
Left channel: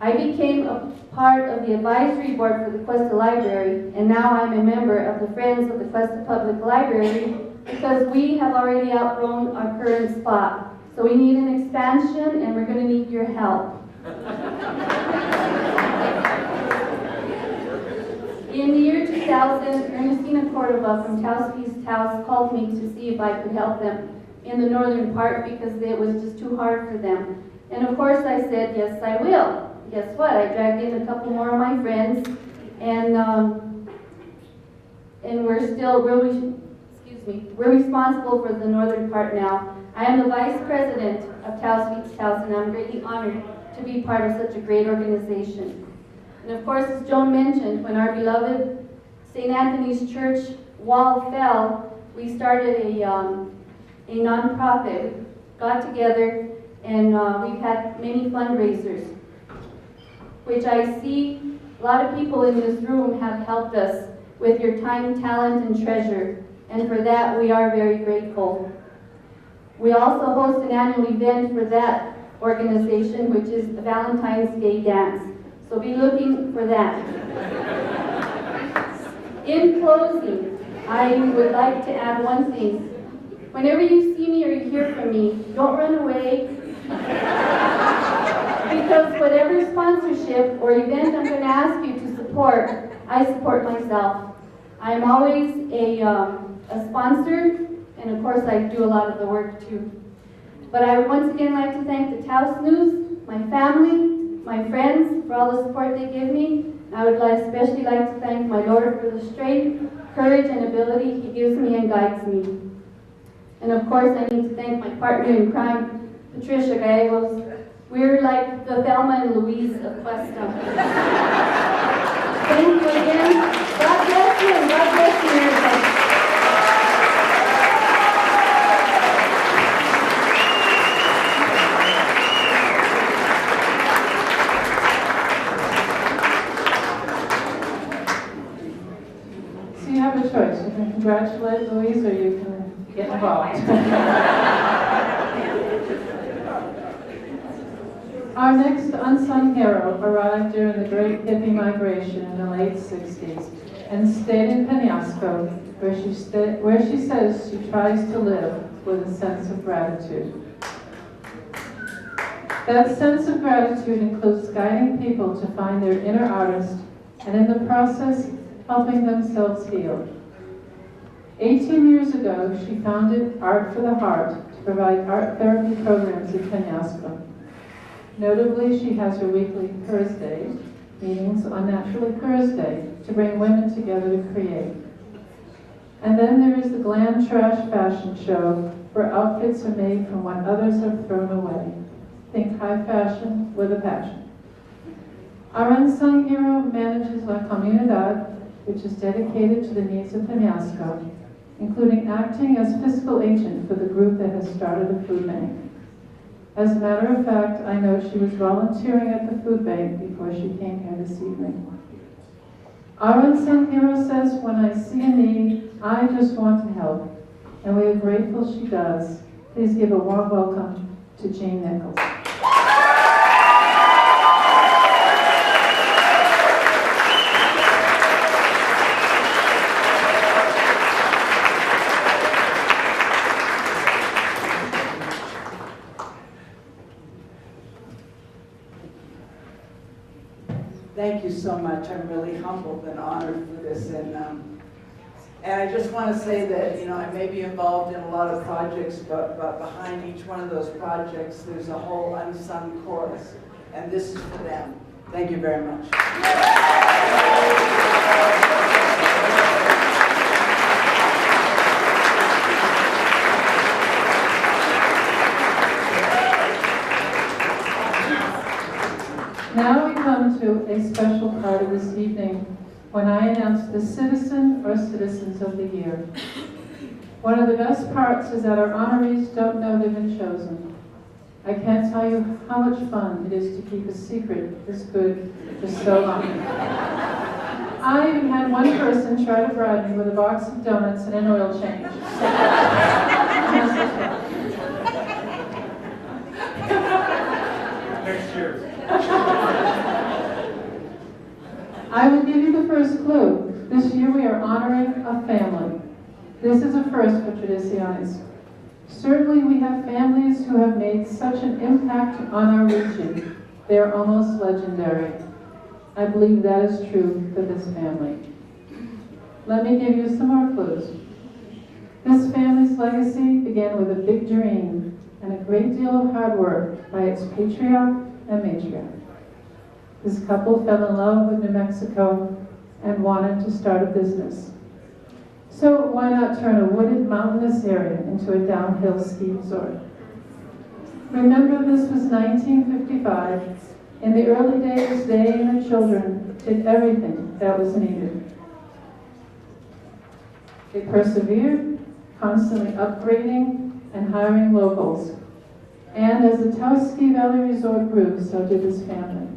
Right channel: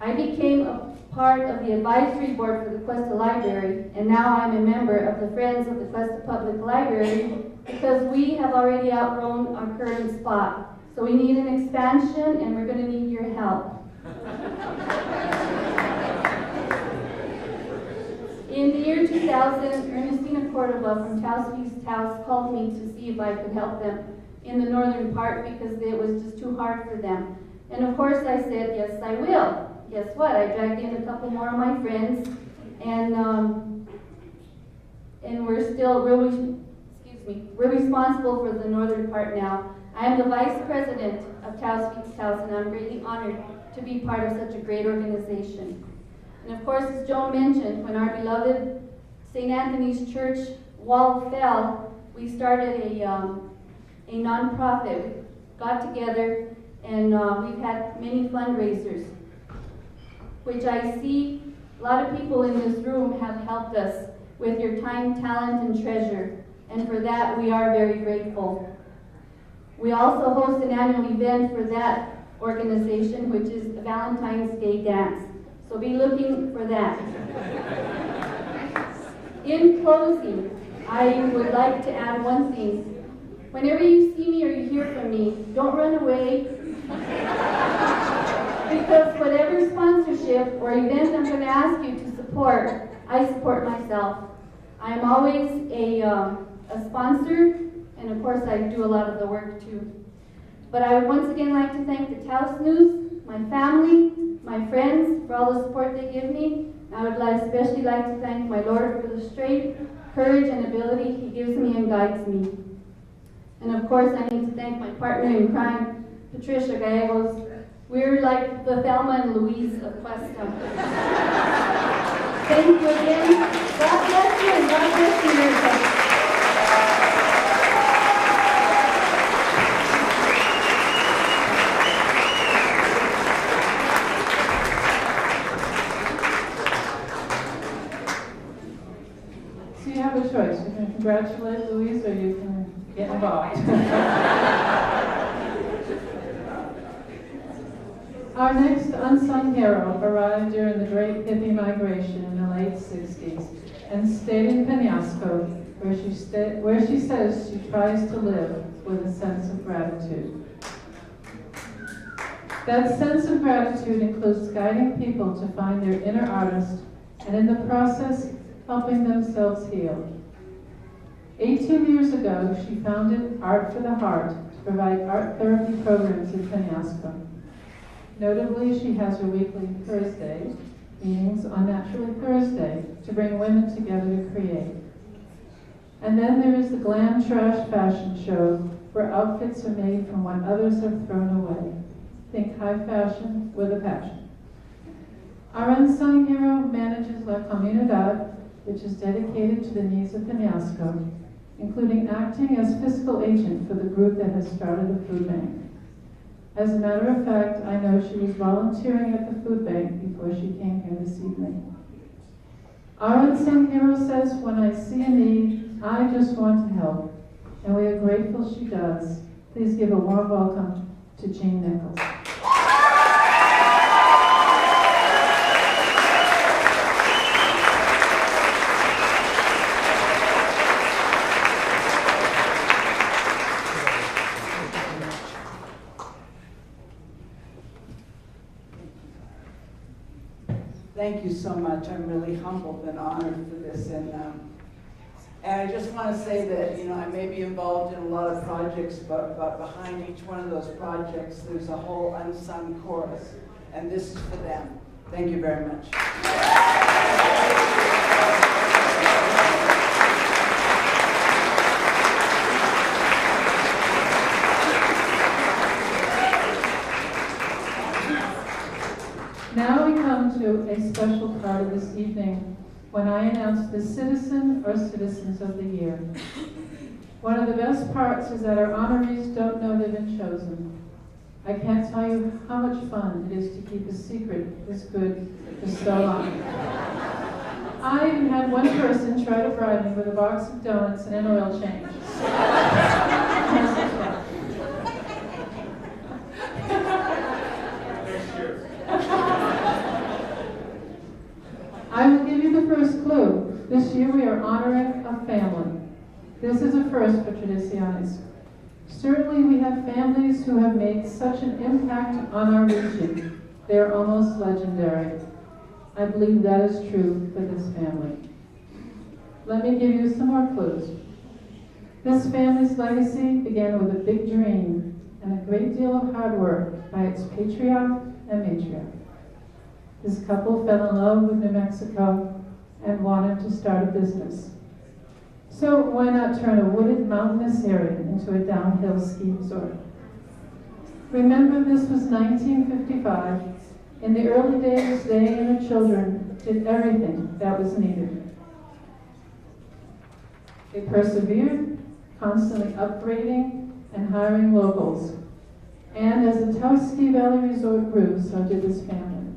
I became a part of the advisory board for the Cuesta Library, and now I'm a member of the Friends of the Cuesta Public Library, because we have already outgrown our current spot. So we need an expansion, and we're going to need your help. In the year 2000, Ernestina Cordova from Taos East Taos called me to see if I could help them in the northern part because it was just too hard for them. And of course I said, yes, I will. Guess what? I dragged in a couple more of my friends, and we're responsible for the northern part now. I am the vice president of Taos East Taos, and I'm greatly honored to be part of such a great organization. And of course, as Joan mentioned, when our beloved St. Anthony's Church wall fell, we started a nonprofit. We got together, and we've had many fundraisers, which I see a lot of people in this room have helped us with your time, talent, and treasure. And for that, we are very grateful. We also host an annual event for that organization, which is the Valentine's Day Dance. So be looking for that. In closing, I would like to add one thing. Whenever you see me or you hear from me, don't run away. Because whatever sponsorship or event I'm going to ask you to support, I support myself. I'm always a sponsor, and of course I do a lot of the work too. But I would once again like to thank the Taos News, my family, my friends for all the support they give me. I would especially like to thank my Lord for the strength, courage, and ability He gives me and guides me. And of course I need to thank my partner in crime, Patricia Michaels. We're like the Thelma and Louise of Cuesta. Thank you again. God bless you and God bless America. have a choice. You can congratulate Louise or you can get involved. Our next unsung hero arrived during the Great Hippie Migration in the late 60s and stayed in Penasco, where she says she tries to live with a sense of gratitude. That sense of gratitude includes guiding people to find their inner artist and in the process, helping themselves heal. 18 years ago, she founded Art for the Heart to provide art therapy programs in Penasco. Notably, she has her weekly Thursday meetings on Naturally Thursday to bring women together to create. And then there is the Glam Trash Fashion Show, where outfits are made from what others have thrown away. Think high fashion with a passion. Our unsung hero manages La Comunidad, which is dedicated to the needs of Penasco, including acting as fiscal agent for the group that has started a food bank. As a matter of fact, I know she was volunteering at the food bank before she came here this evening. Our unsung hero says, when I see a need, I just want to help. And we are grateful she does. Please give a warm welcome to Jean Nichols. Thank you so much. I'm really humbled and honored for this. And I just want to say that, you know, I may be involved in a lot of projects, but behind each one of those projects, there's a whole unsung chorus. And this is for them. Thank you very much. Now we come to a special part of this evening when I announce the Citizen or Citizens of the Year. One of the best parts is that our honorees don't know they've been chosen. I can't tell you how much fun it is to keep a secret this good for so long. I even had one person try to bribe me with a box of donuts and an oil change. Next year. I will give you the first clue. This year we are honoring a family. This is a first for Tradiciones. Certainly we have families who have made such an impact on our region. They are almost legendary. I believe that is true for this family. Let me give you some more clues. This family's legacy began with a big dream and a great deal of hard work by its patriarch and matriarch. This couple fell in love with New Mexico and wanted to start a business. So why not turn a wooded mountainous area into a downhill ski resort? Remember, this was 1955. In the early days, they and their children did everything that was needed. They persevered, constantly upgrading and hiring locals. And as the Taos Ski Valley Resort grew, so did his family.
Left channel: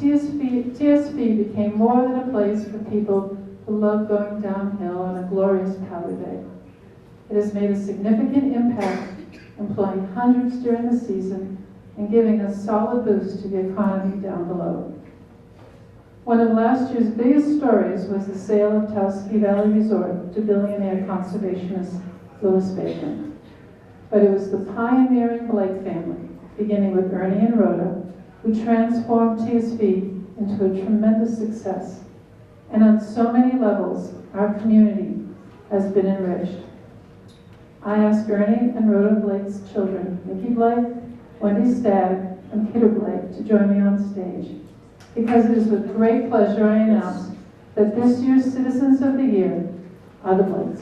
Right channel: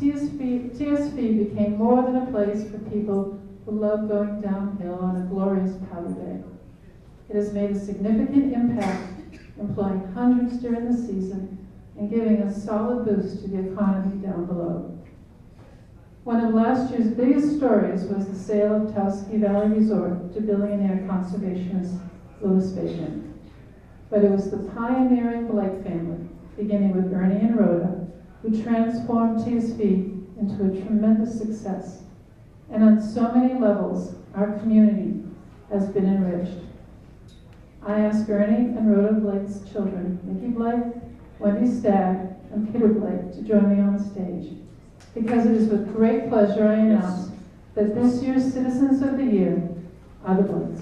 TSV became more than a place for people who love going downhill on a glorious powder day. It has made a significant impact, employing hundreds during the season and giving a solid boost to the economy down below. One of last year's biggest stories was the sale of Taos Ski Valley Resort to billionaire conservationist Louis Bacon. But it was the pioneering Blake family, beginning with Ernie and Rhoda, who transformed TSV into a tremendous success. And on so many levels, our community has been enriched. I ask Ernie and Rhoda Blake's children, Nikki Blake, Wendy Stagg, and Peter Blake, to join me on stage, because it is with great pleasure I announce that this year's Citizens of the Year are the Blakes.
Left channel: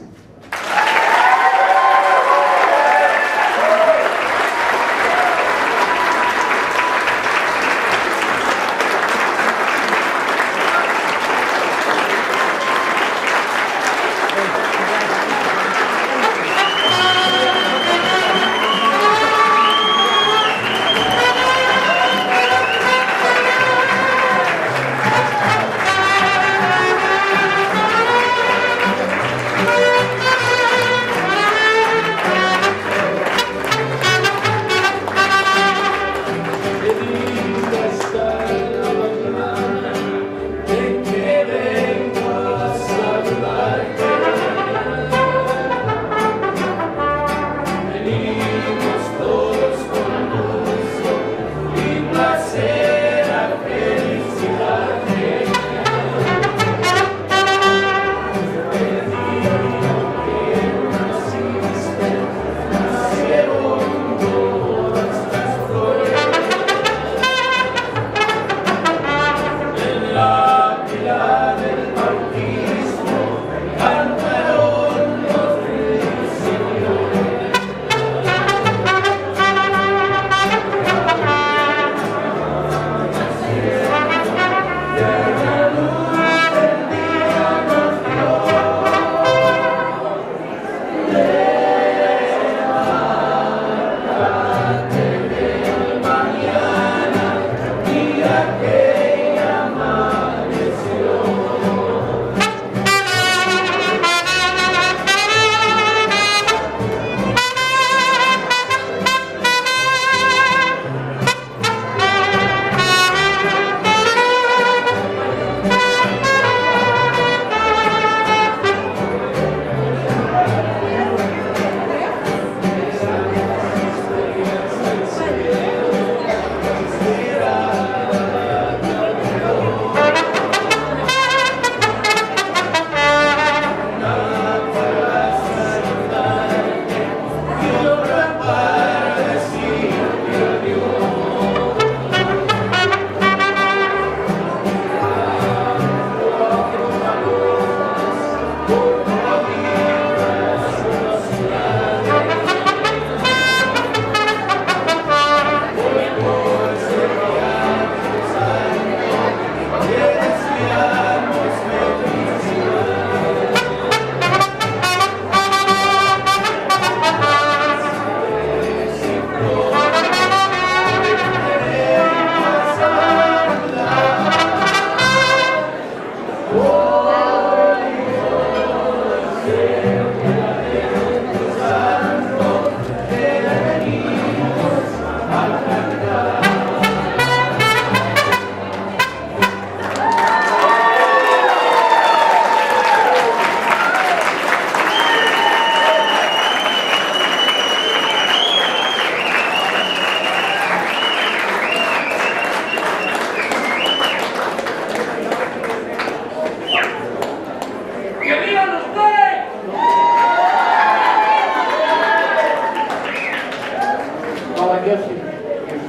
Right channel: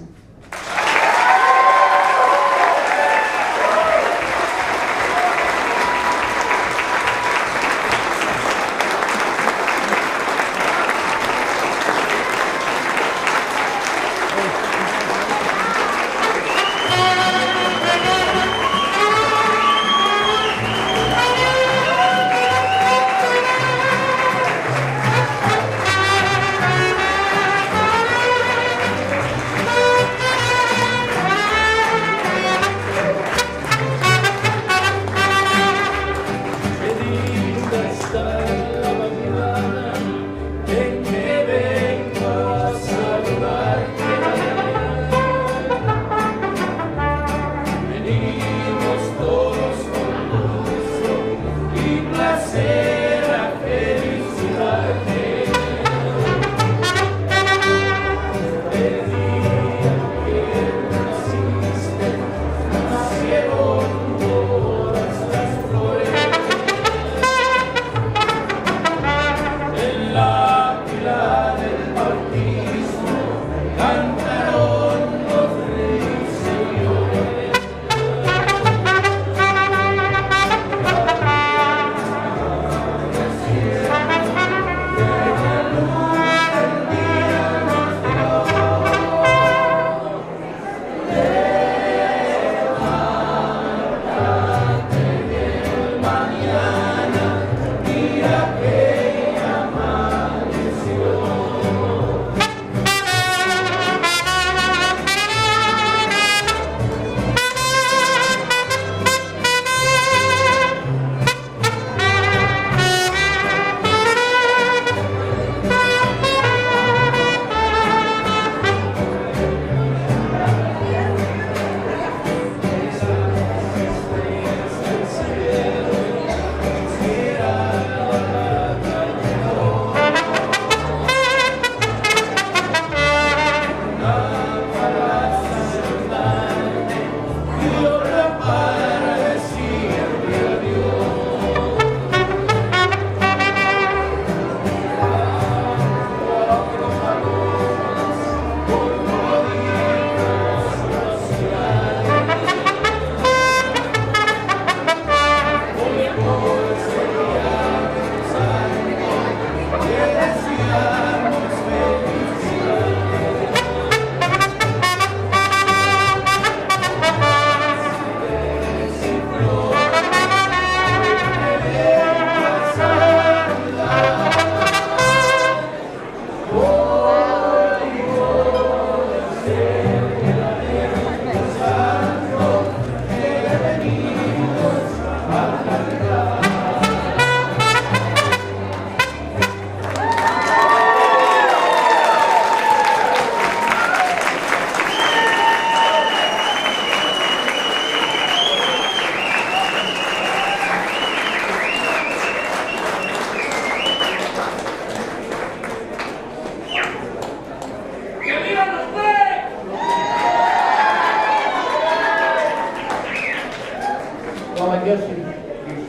Well, I guess you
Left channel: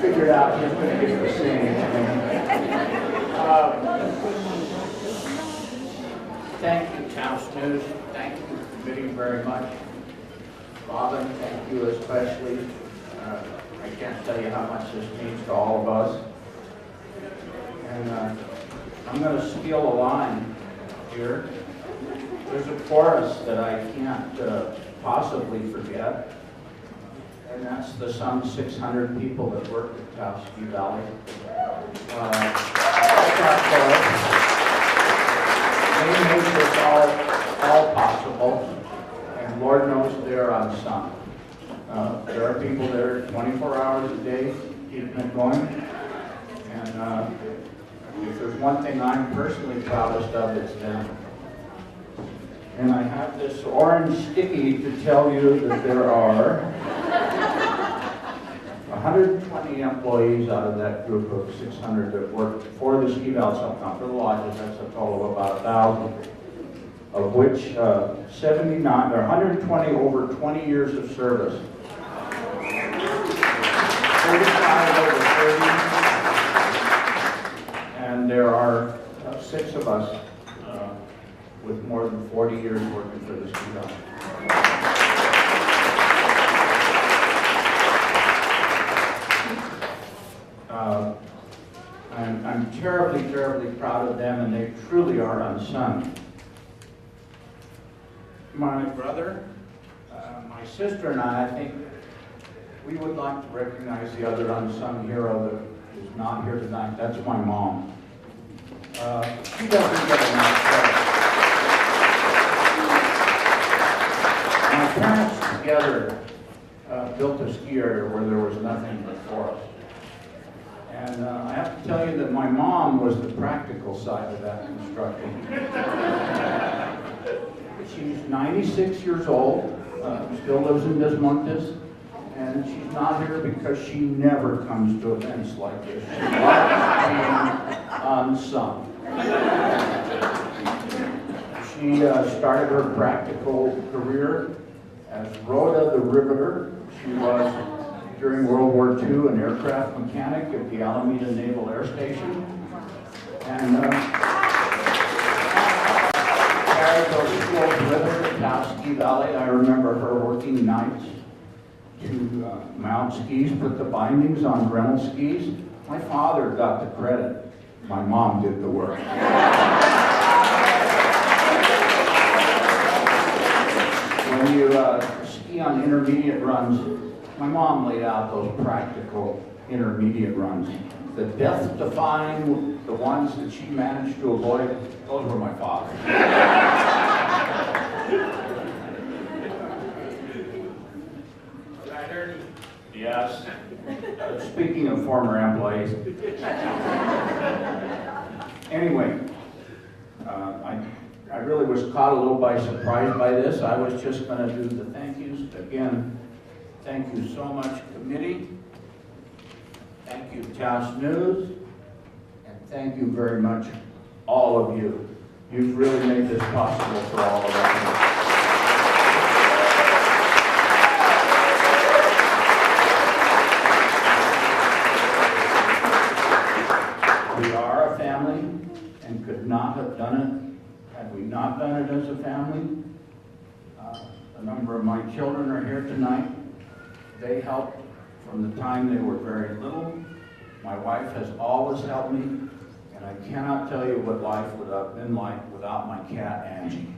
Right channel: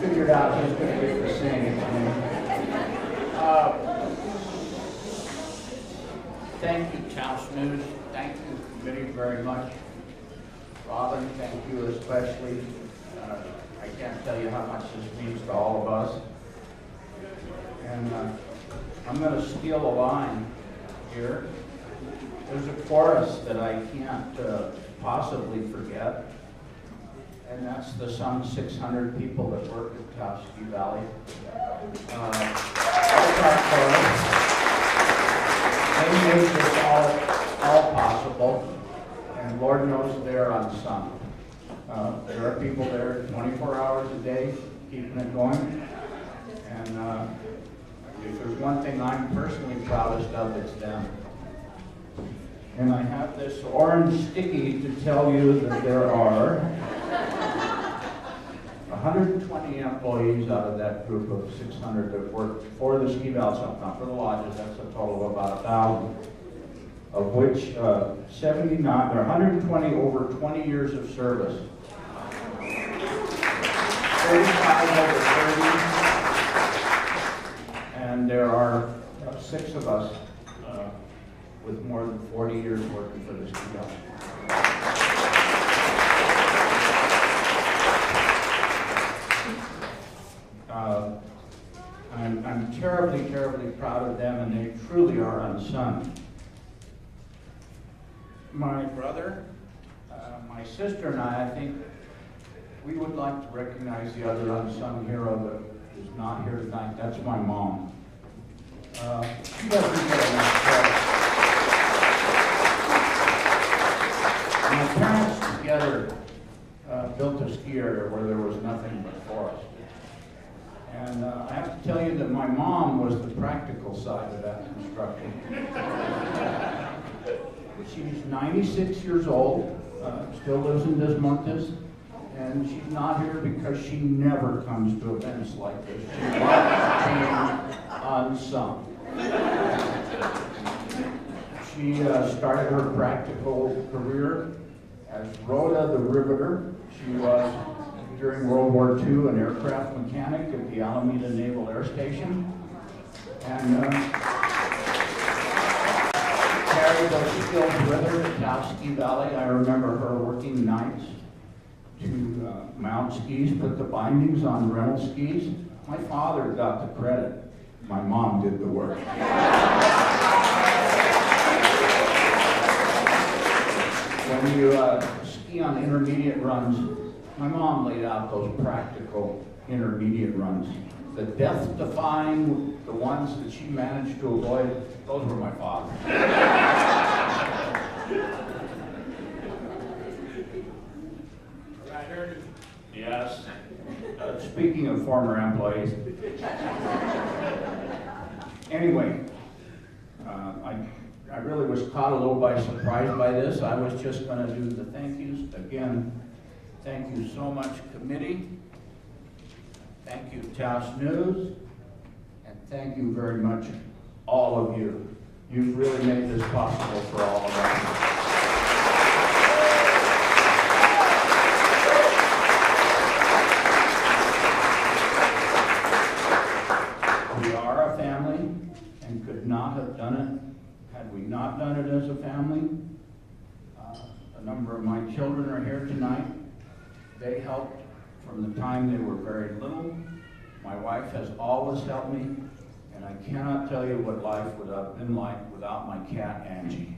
figured out who's going to get to sing. Thank you, Taos News. Thank you, committee, very much. Robin, thank you especially. I can't tell you how much this means to all of us. And I'm going to steal a line here. There's a chorus that I can't possibly forget. And that's the some 600 people that work at Taos Ski Valley. They make this all possible, and Lord knows they're unsung. There are people there 24 hours a day keeping it going, and if there's one thing I'm personally proudest of, it's them. And I have this orange sticky to tell you that there are 120 employees out of that group of 600 that work for the ski valley, for the lodges. That's a total of about 1,000, of which 79, or 120 over 20 years of service. 35 over 30, and there are 6 of us with more than 40 years working for the ski valley. I'm terribly, terribly proud of them, and they truly are unsung. My brother, my sister and I think we would like to recognize the other unsung hero that is not here tonight. That's my mom. She doesn't get enough credit. My parents together built a ski area where there was nothing but forest. And I have to tell you that my mom was the practical side of that construction. She's 96 years old, still lives in Des Montes, and she's not here because she never comes to events like this. She loves being unsung. She started her practical career as Rhoda the Riveter. She was, during World War II, an aircraft mechanic at the Alameda Naval Air Station. And carried those skills with her to Taos Ski Valley. I remember her working nights to mount skis, put the bindings on rental skis. My father got the credit. My mom did the work. When you ski on intermediate runs, my mom laid out those practical intermediate runs. The death-defying, the ones that she managed to avoid, those were my father's. Yes. Speaking of former employees. Anyway, I really was caught a little by surprise by this. I was just going to do the thank yous. Again, thank you so much, committee. Thank you, Taos News. And thank you very much, all of you. You've really made this possible for all of us. We are a family and could not have done it had we not done it as a family. A number of my children are here tonight. They helped from the time they were very little. My wife has always helped me, and I cannot tell you what life would have been like without my cat, Angie.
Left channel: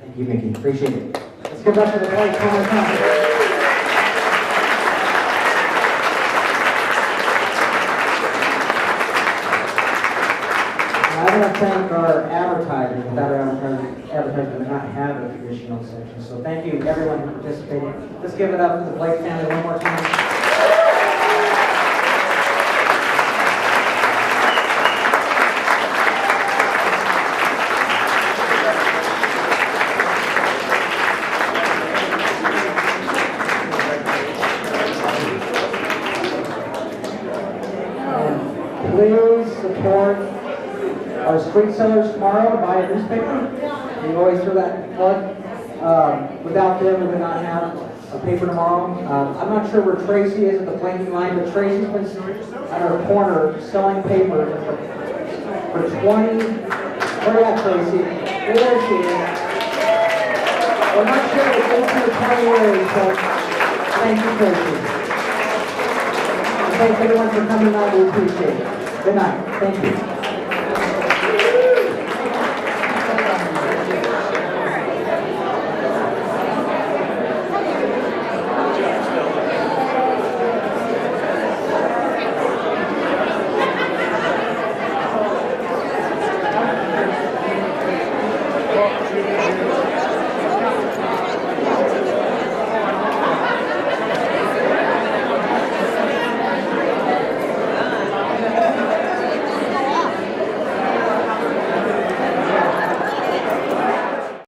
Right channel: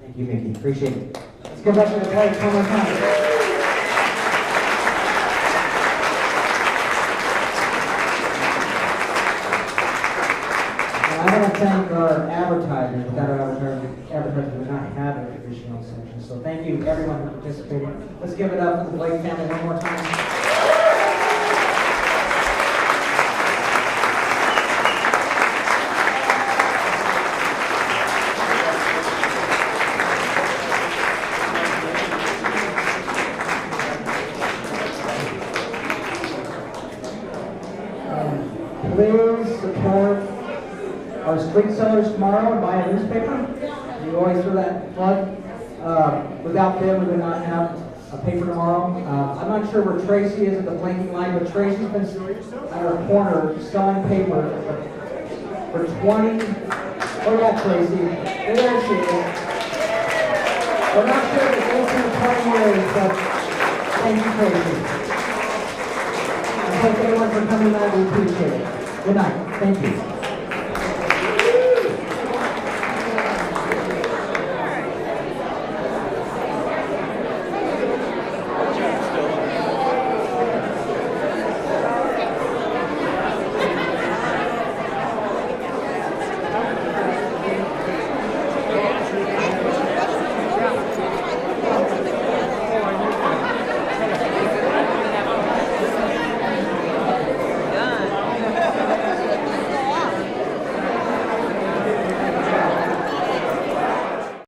Thank you, Mickey. Appreciate it. Let's go back to the point. sewing section. So thank you everyone for participating. Let's give it up for the Blake family one more time. Street sellers tomorrow, buy a newspaper. We always throw that plug. Without them, we would not have a paper tomorrow. I'm not sure where Tracy is at the blinking light, but Tracy's been at our corner selling paper for 20. Where you at, Tracy? There she is. I'm not sure if it goes through the 20 years, so thank you, Tracy. And thanks everyone for coming out. We appreciate it. Good night. Thank you.